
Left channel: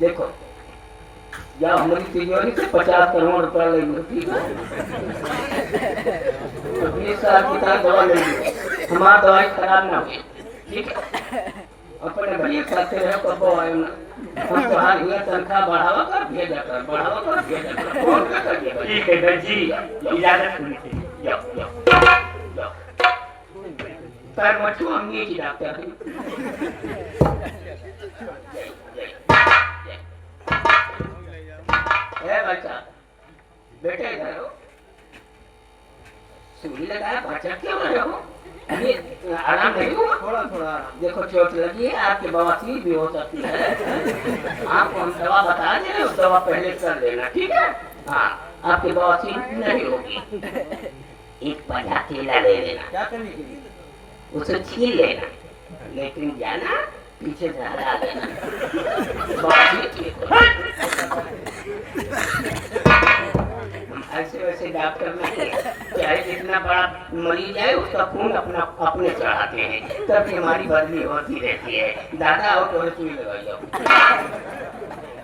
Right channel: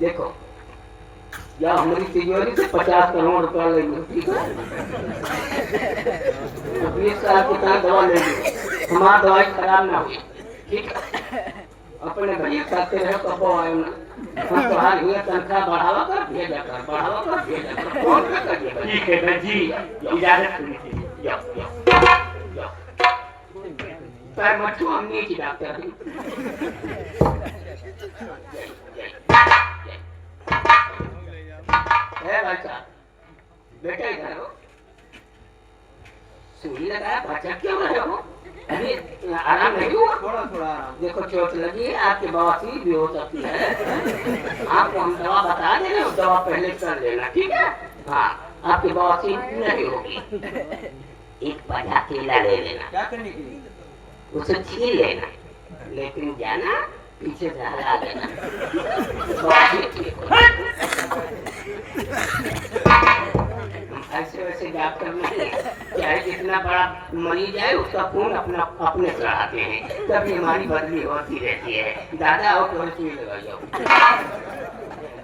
देखो, या हमारी तिजोरी से 50 करोड़ रुपया ले लो, ठीक है? 20 साल की तरह दवा ले लो, हमारा दवाई खराब ना हुई, ठीक है? अपने भैया खाते रहे कबो आए ना, हम तो हाल ये तनख्वाह बढ़ावा कर भेजा कर। ठीक है भाई जी, इजाजत होनी चाहिए। जाओ। पैर मत छू, हम नीचे डॉक्टर। भाई साहब, बेटा इधर हो। सूली लगाया, भटक क्यों रहे हो? अभी आराम नहीं हुआ? थोड़ा देखो, चोट लगी है, आपकी बवासीर भी हो सकती है। आपको हम दवा बता दे रहे हो, दवा पहले कर लेना, ठीक है? हाँ, आपकी बवासीर नहीं होगी। एक पन्ना केला ले लेना। क्या करने के लिए? उसे छील लेना, लेकिन जाना पीछे से हरा लेना। ऐसे वैसे डॉक्टर नहीं, चाहे जितना बड़ा मरीज है उसका खून अपने चढ़ाते हैं, तभी हमारी बदली होती रहती है। दादा आओ, थोड़ी सुई लगाई जाओ।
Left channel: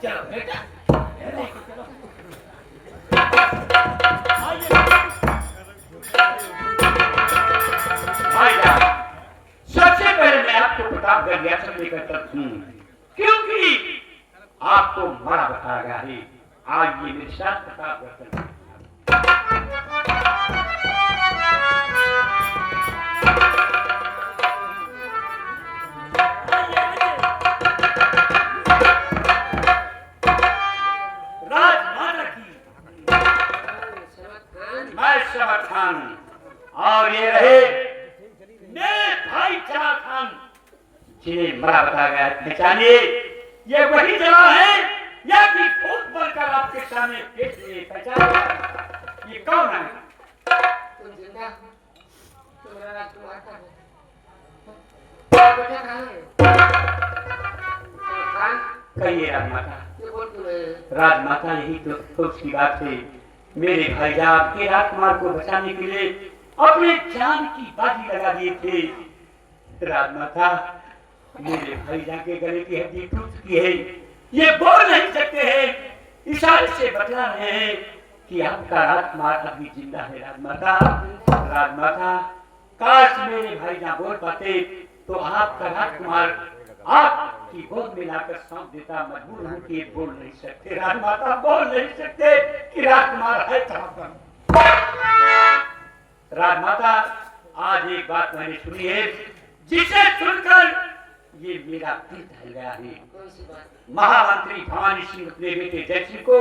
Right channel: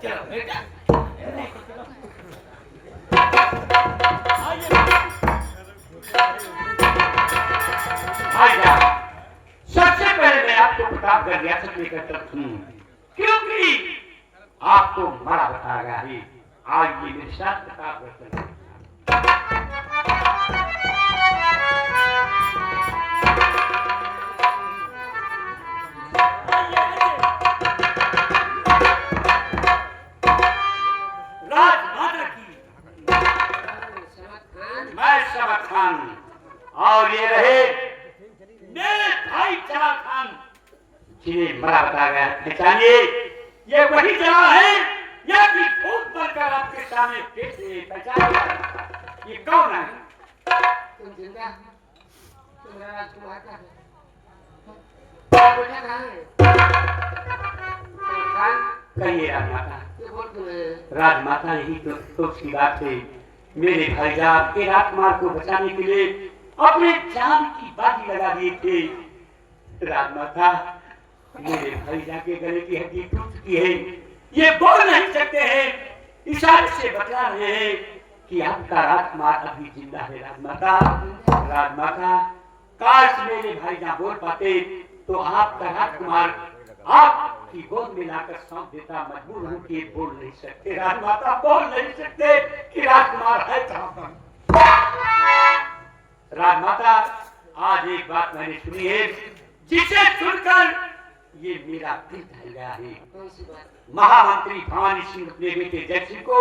चलो बेटा, सबसे पहले मैं आपको प्रतापगढ़ रियासत लेकर चलती हूँ, क्योंकि आपको बड़ा बताया गया है। आज ये मेरे साथ प्रतापगढ़ चलते हैं। राजमाता की मैं समत खान, और ये रहे मेरे भाई जलाल खान जिन्हें बड़ा बताया गया है। पहचानिए, ये वही जलाल है या कि भूत बनकर आपके सामने पहचान? ये कौन है? तुम जिंदा? तुम्हारा राजकुमार का है? बेटा कहाँ है? खान, कहिए राजमाता। क्यों बोल रहे हैं? राजमाता, यही तो दुख की बात है। मेरे भाई आपके राजकुमार को बचाने के लिए अपने जान की बाजी लगा दिए थे। राजमाता, मेरे भाई के गले की हड्डी टूट चुकी है, ये बोल नहीं सकते हैं, इशारे से बता रहे हैं कि आपका राजकुमार अभी जिंदा है। राजमाता, काश मेरे भाई बोल पाते तो आपका राजकुमार आपकी गोद में लाकर सौंप देता। मजबूर हूँ कि बोल नहीं सकते राजमाता, बोल नहीं सकते कि राजकुमार है कहाँ पर। राजमाता, आज एक बात मैंने सुनी है, जिसे सुनकर ये मेरा दिल दहल गया है। महामंत्री भवानी सिंह अपने बेटे जयसिंह को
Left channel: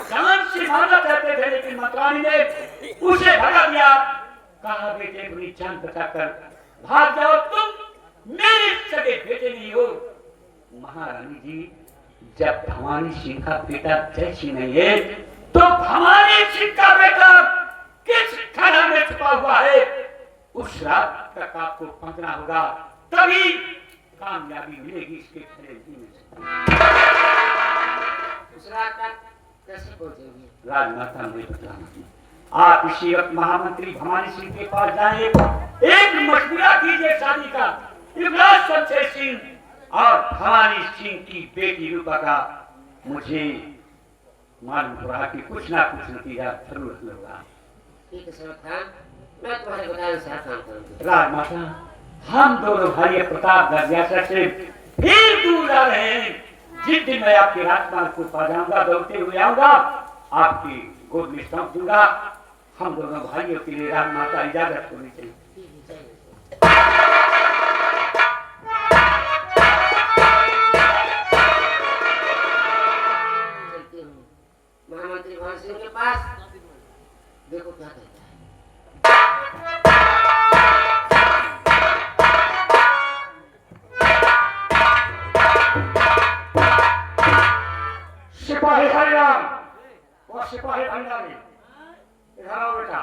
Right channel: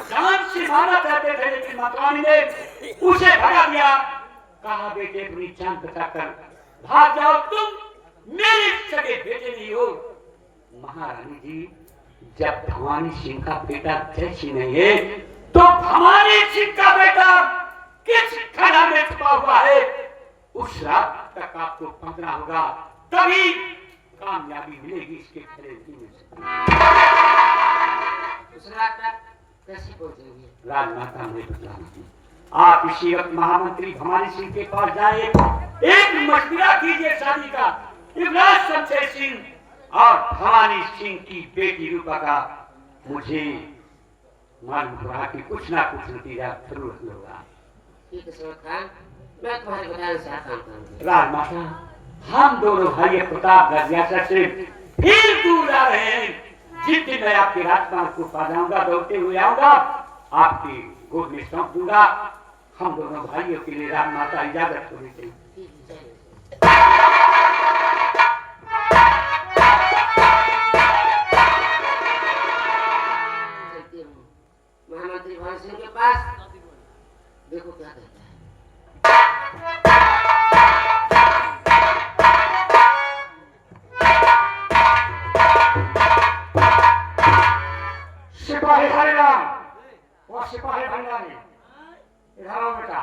जान से मारना चाहते थे, लेकिन मतवानी ने उसे भगा दिया। कहा बेटे अपनी जान बचाकर भाग जाओ, तुम मेरे सगे बेटे नहीं हो। महारानी जी, जब भवानी सिंह का बेटा जयसिंह नहीं है तो भवानी सिंह का बेटा किस खाना में छुपा हुआ है, उस रात तक आपको पहुंचना होगा, तभी कामयाबी मिलेगी इसके खिलाफ। उस रात तक कैसे पहुंचेंगे? राजमाता ने बताया, आप इसी वक्त महामंत्री भवानी सिंह के पास जाइए, एक मशवरा कीजिए शादी का। युवराज शमशेर सिंह और भवानी सिंह की बेटी रूपा का मुझे मालूम हुआ कि कुछ ना कुछ नतीजा जरूर होगा। ठीक है समझ खान, मैं तुम्हारे बताने से काम करूंगी। राजमाता, हम दोनों भाई प्रताप गढ़ से फिर दूर आ रहे हैं। जिस दिन मैं आपकी राजकुमार को पा जाऊंगा, दौड़ते हुए आऊंगा, आपकी गोद में सौंप दूंगा। हम दोनों भाइयों के लिए राजमाता इजाजत होनी चाहिए। महामंत्री भवन सिंह के पास देखो क्या कहता है। सिपाही हरिराम और सिपाही भंडारी, इधर आओ बेटा।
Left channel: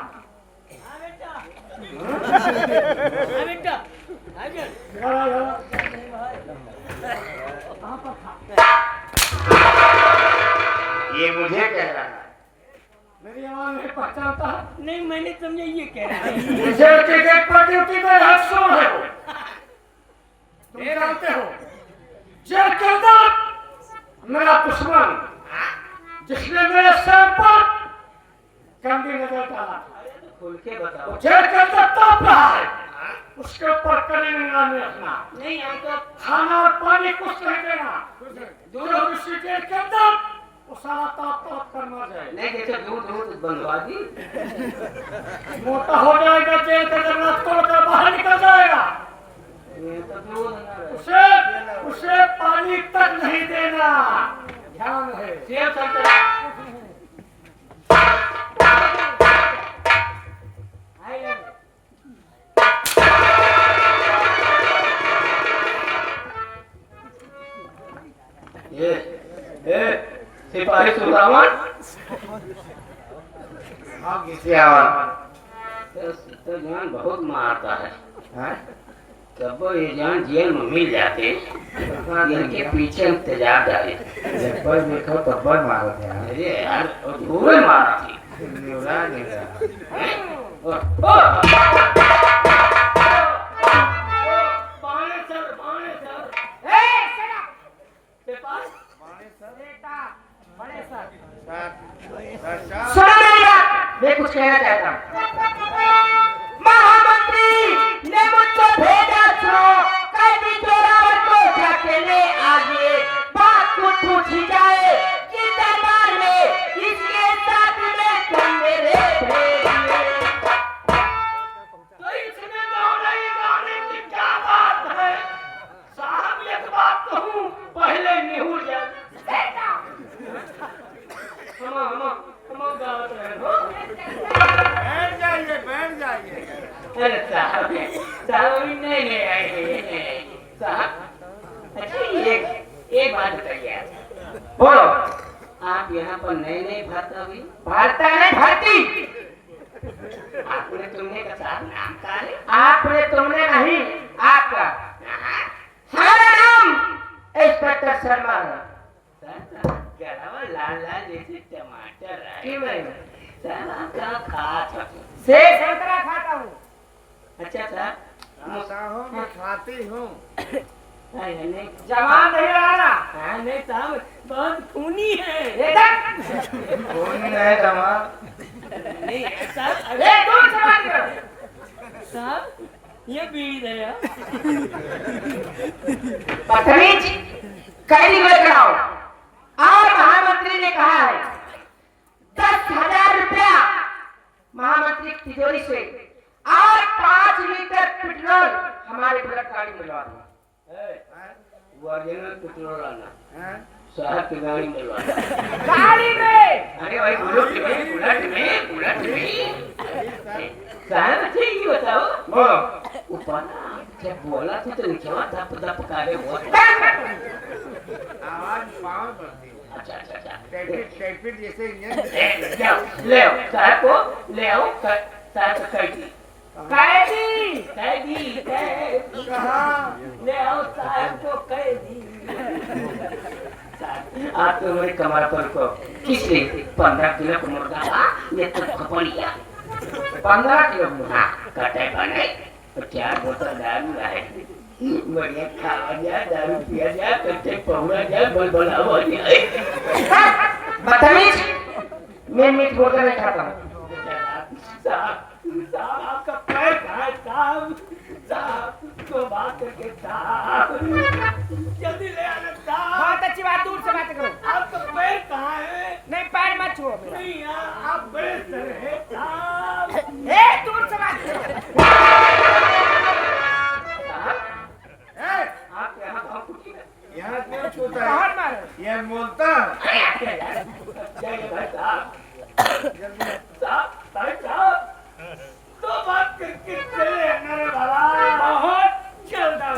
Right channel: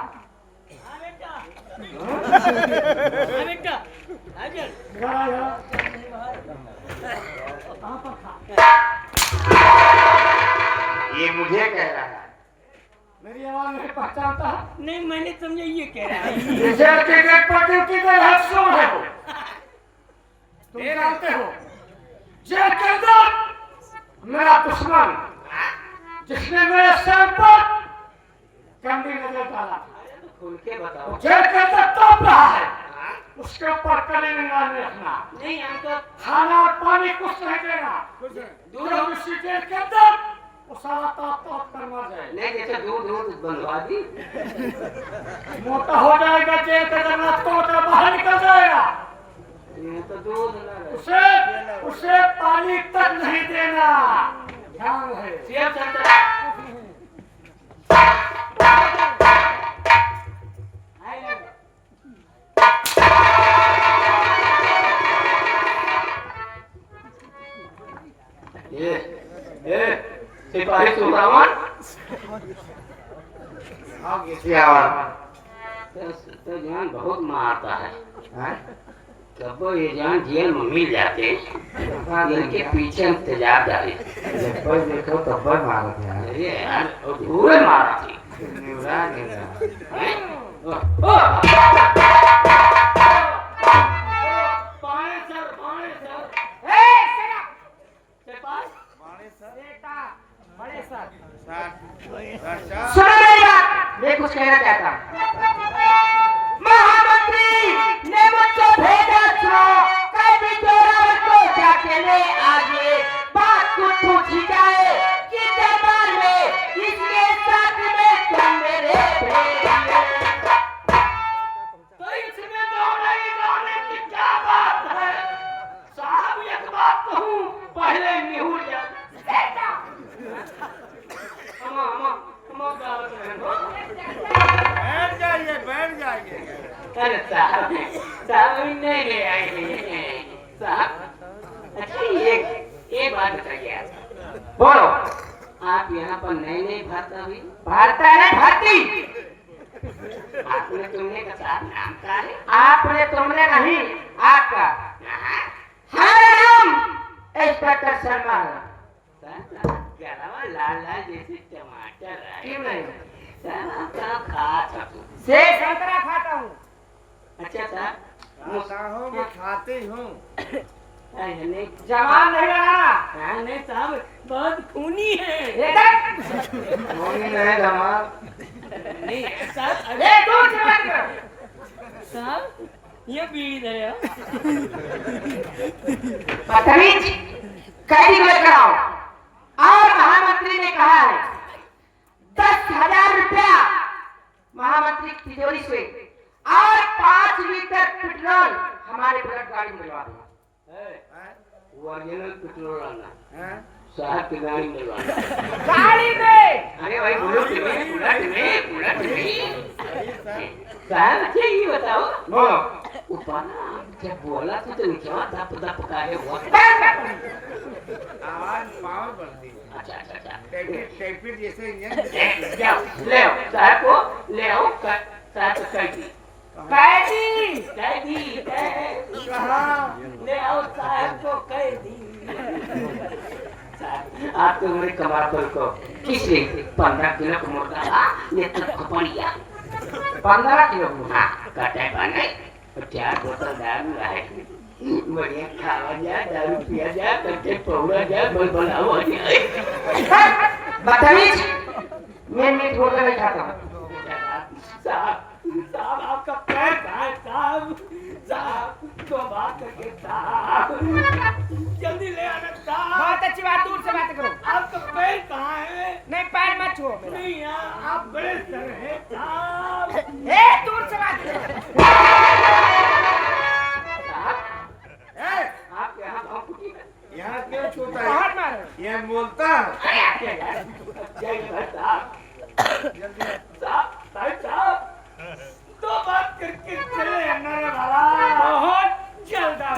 इधर आओ। कहाँ पर था? ये मुझे कह रहा है। मेरी आवाज नहीं पहचानता? नहीं, मैंने समझा ये कह रहा है। जेल के गेट पर ड्यूटी में हफ्सों है वो। तुम जानते हो जेल के अंदर मेरा दुश्मन जिसने मेरे सर पर कंडी नजर डाला, खुल के बताओ। जेल के अंदर तप रहा है, उसके ऊपर कड़ी निगाह में रखना। नहीं, हम तो खाना और पानी कुछ नहीं देना। जो इसी जेल के अंदर वो सारा ताप करना जाए। नहीं जैसे दूध बनवा दी। मोटा हो जाएगा जेल का, जब तोड़कर बाहर निकल जाएगा। ये तो दूध ना रहे। उसे पानी तक नहीं देना, ध्यान है। सेव संतरा। ये सिपाही सुब्रमण तो जान बहुत मारता है। जब वो ये जान जेल में मिल जाते इनके पीछे इंतजार डाले। देखो तब्बर मारो क्या अरे यार पूरे मारा थी। सुनो मेरी बात, मैं कुछ कहना चाहता हूँ। महामंत्री ने मुझको भेजा सुनो, कभी जोरावर को जाके ले आगे, बात को पूछी जाए कि दरबार में इसके साथ में तुम मेरे तो इसमें तो नहीं गाने की क्या बात है साहब। एक बात कहूँ, पहले निहुर जा। बैठ जाइए। अरे साहब नहीं ले आएंगे साहब। अच्छा ये बात बताइए, बोलो। आप यहाँ पर नए नए भर्ता हुई? भारता ने भर्ती। आपने तुमने का साहब नाम का है? आपने तुमने नहीं, आपका। हमारा नाम इंस्पेक्टर शर्मा है। गरम लाल लाल जैसे टमाटर है। क्यों नहीं? साहब क्या खाता? सेब संतरा खाता हूँ। अच्छा साहब खाता हूँ कि खाती हूँ। जवान नहीं लगाना। हाँ नहीं साहब, बहुत खूनी है। ये देख। कौन है दमा? नहीं ऐसा। अरे दूर से बात करो। साहब ये बीड़ी दे यार। बदतमीज, कैदी लेकर आओ। और महामंत्री ने कहा है 10,000 रुपया महामंत्री की तिजोरी से और 5 लीटर पेट्रोल हमारे बुलेट गाड़ी में डलवा दो। ओरिजिनल पेट्रोल आना हैं? साहब की गाड़ी में डलवा गाड़ी में अरे भाई बुलेट में साहब अच्छा ये बताओ बोलो ऊपर जब बोला थी तो नीचे धप धप करे वो आवाज पावर बढ़ती है। अच्छा अच्छा अच्छा टैक्सी जैसे इंजन ले आओ साहब को ले आओ साहब को कैदी कैदी कहाँ? ले आओ साहब को कैदी आप तो मेरे कमातर को किसने 15 किलो का मुर्गा ये तो खपड़िया 15 किलो हाँ काटे बने 4 बोतल दारू है बढ़िया खावा जाए दारू पिया जाए कच्चे पौड़ा जाए बलबला हो जाए बदतमीज, मैं मीट होटल नहीं खाता हूँ। साहब साहब आपका पैर कहाँ है साहब साहब तो बात करके साहब जल्दी ले आना साहब। बहुत अच्छी बात, दूर से बातें करो। आपका पैर कहाँ है? नहीं, पैर मत छुओ मेरा। नहीं यहाँ आप बड़े सर हैं साहब। ए, दूर से बातें करो। आप यहाँ गाँव कुटी में यहाँ क्यों छूता है? बहुत मारो। यहाँ बोलता है। तो बात करके चले आना रे बाबा। बहुत जल्द आओ।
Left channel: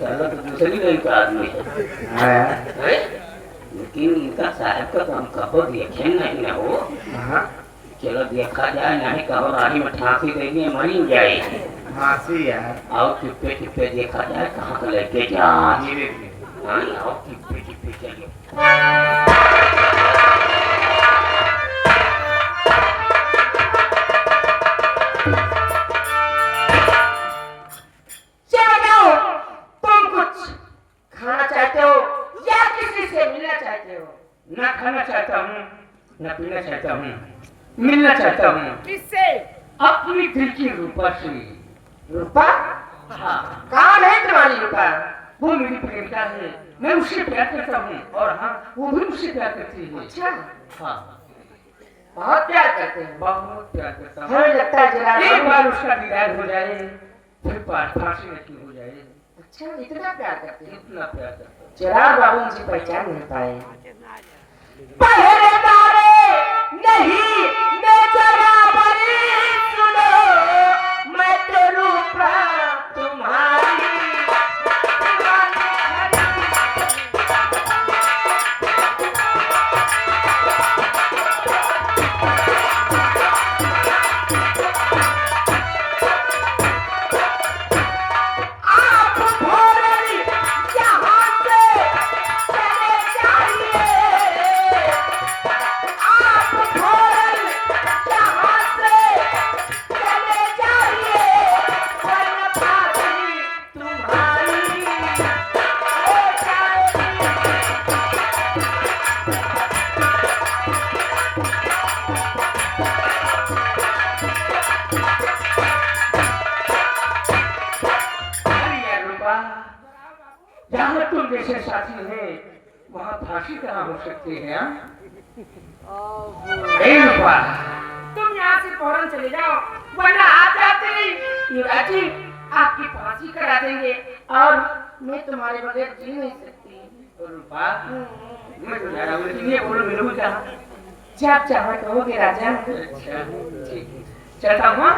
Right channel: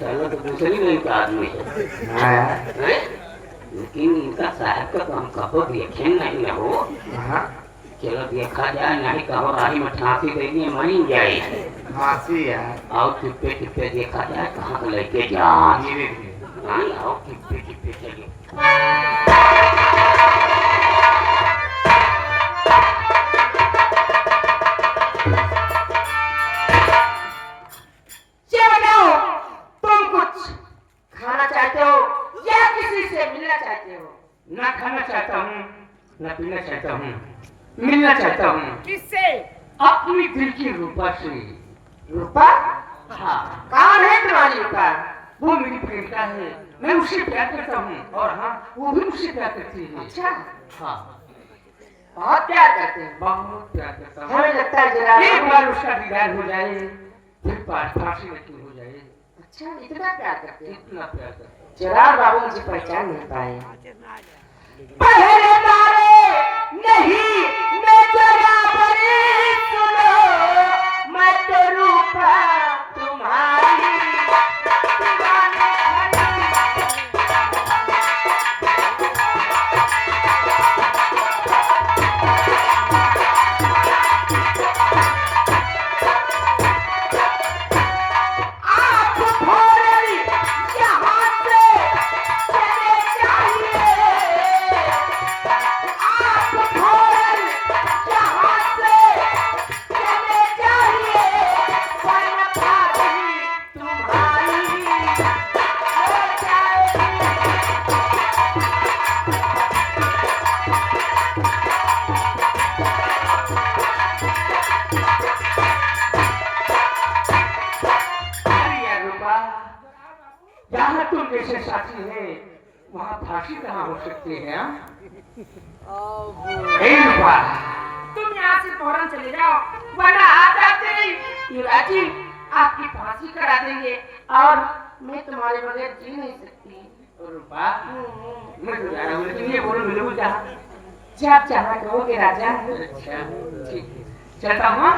साला तो दूसरी नहीं का आदमी है लेकिन इनका साहब का काम कहो देखे नहीं ना हो चलो देखा जाए नहीं कहो रानी मठासी देंगे मरी जाए हाथी है। आओ टुप्पे टुप्पे देखा जाए कहाँ का लेके जा धीरे धीरे। हाँ आओ टुप्पे टुप्पे चलिए चलो, तुम कुछ खाना चाहते हो या किसी से मिलना चाहते हो? ना खाना चाहता हूँ ना पीना चाहता हूँ मिलना चाहता हूँ किससे? अपनी दिल की रूपा से रूपा? हाँ कौन है तुम्हारी रूपा? वो मेरी प्रेमिका है मैं उससे प्यार करता हूँ और हाँ वो भी मुझसे प्यार करती है अच्छा, हाँ बहुत प्यार करते हैं। बहुत प्यार करता हूँ हमें लगता है जरा एक बार उसका दीदार हो जाए फिर फांसी नती हो जाए अच्छा, इतना प्यार करते हैं। इतना प्यार करता हूँ जरा बाबू मुझे पहचान नहीं पाए। पहले तारे नहीं मैं जरा बड़ी सुनो, मैं तो रूपा तुम्हारी दीवानी आप भोरल यहाँ से चले जाइए, आप भोरल यहाँ से चले जाइए, वरना भाभी तुम्हारी हो जाएगी। अरे रूपा जहाँ तुम जैसे साथी है वहाँ फांसी कहाँ हो सकती है हाँ? अरे रूपा तुम यहाँ से फौरन चले जाओ, वरना आप जाते ही युवराज जी आपकी फांसी करा देंगे और मैं तुम्हारे बगैर जी नहीं सकती। रूपा मैं तो जा रहा हूँ लेकिन ये बोलो मेरे को क्या जब चाहो कहोगे राजा। अच्छा ठीक है चलता हूँ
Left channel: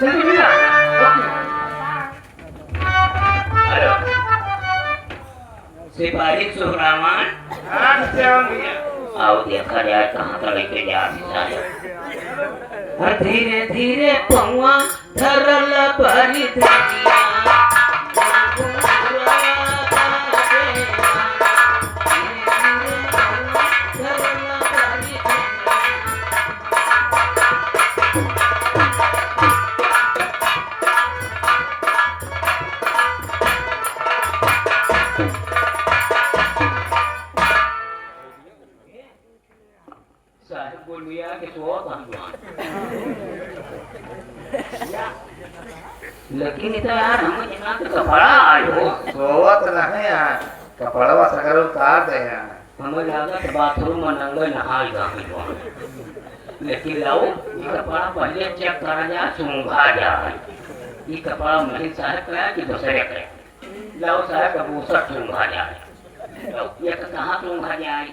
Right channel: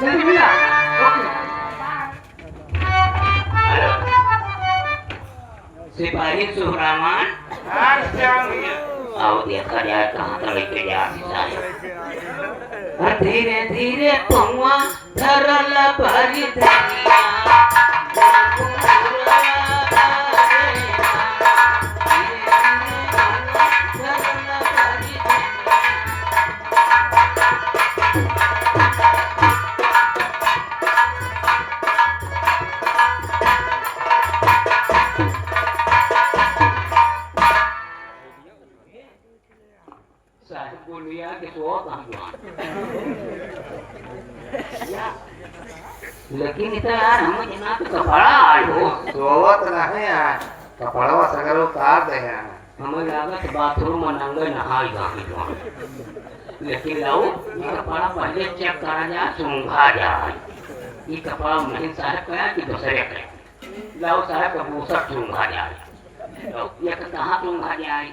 जल्दी मिला ओके सिपाही सुहरामान हाँ जाओगे। आओ देखा जाए कहाँ का लेके जा धीरे धीरे पौआ धरल भरी धनिया साहब बोलिया कि तो लेकिन इतना यार हम इतना तो कपड़ा आए हो सोवत नहीं यार कपड़वा सगर उतार दे यार हमें लगा कि बाथरूम में नंगे नहाई जाए लेकिन लाओ ये कपड़ा पहले चेक करा जाए सूंघा जाए ये कपड़ा नहीं साहब का कि दूसरे का लाओ साहब का बूसा सूंघा जाए लाओ ये तो कहाँ सूंघा जाए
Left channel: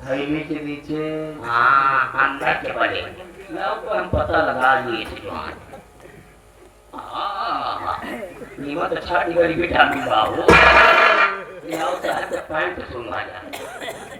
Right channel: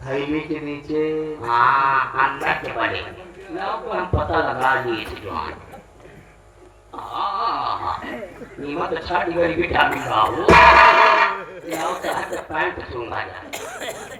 थैली के नीचे हाँ अंदर के बड़े लाओ पर हम पता लगा लिए थे जवान नीमत छाट गई विटामिन बाबू लाओ साहब का पैंट सूंघा जाए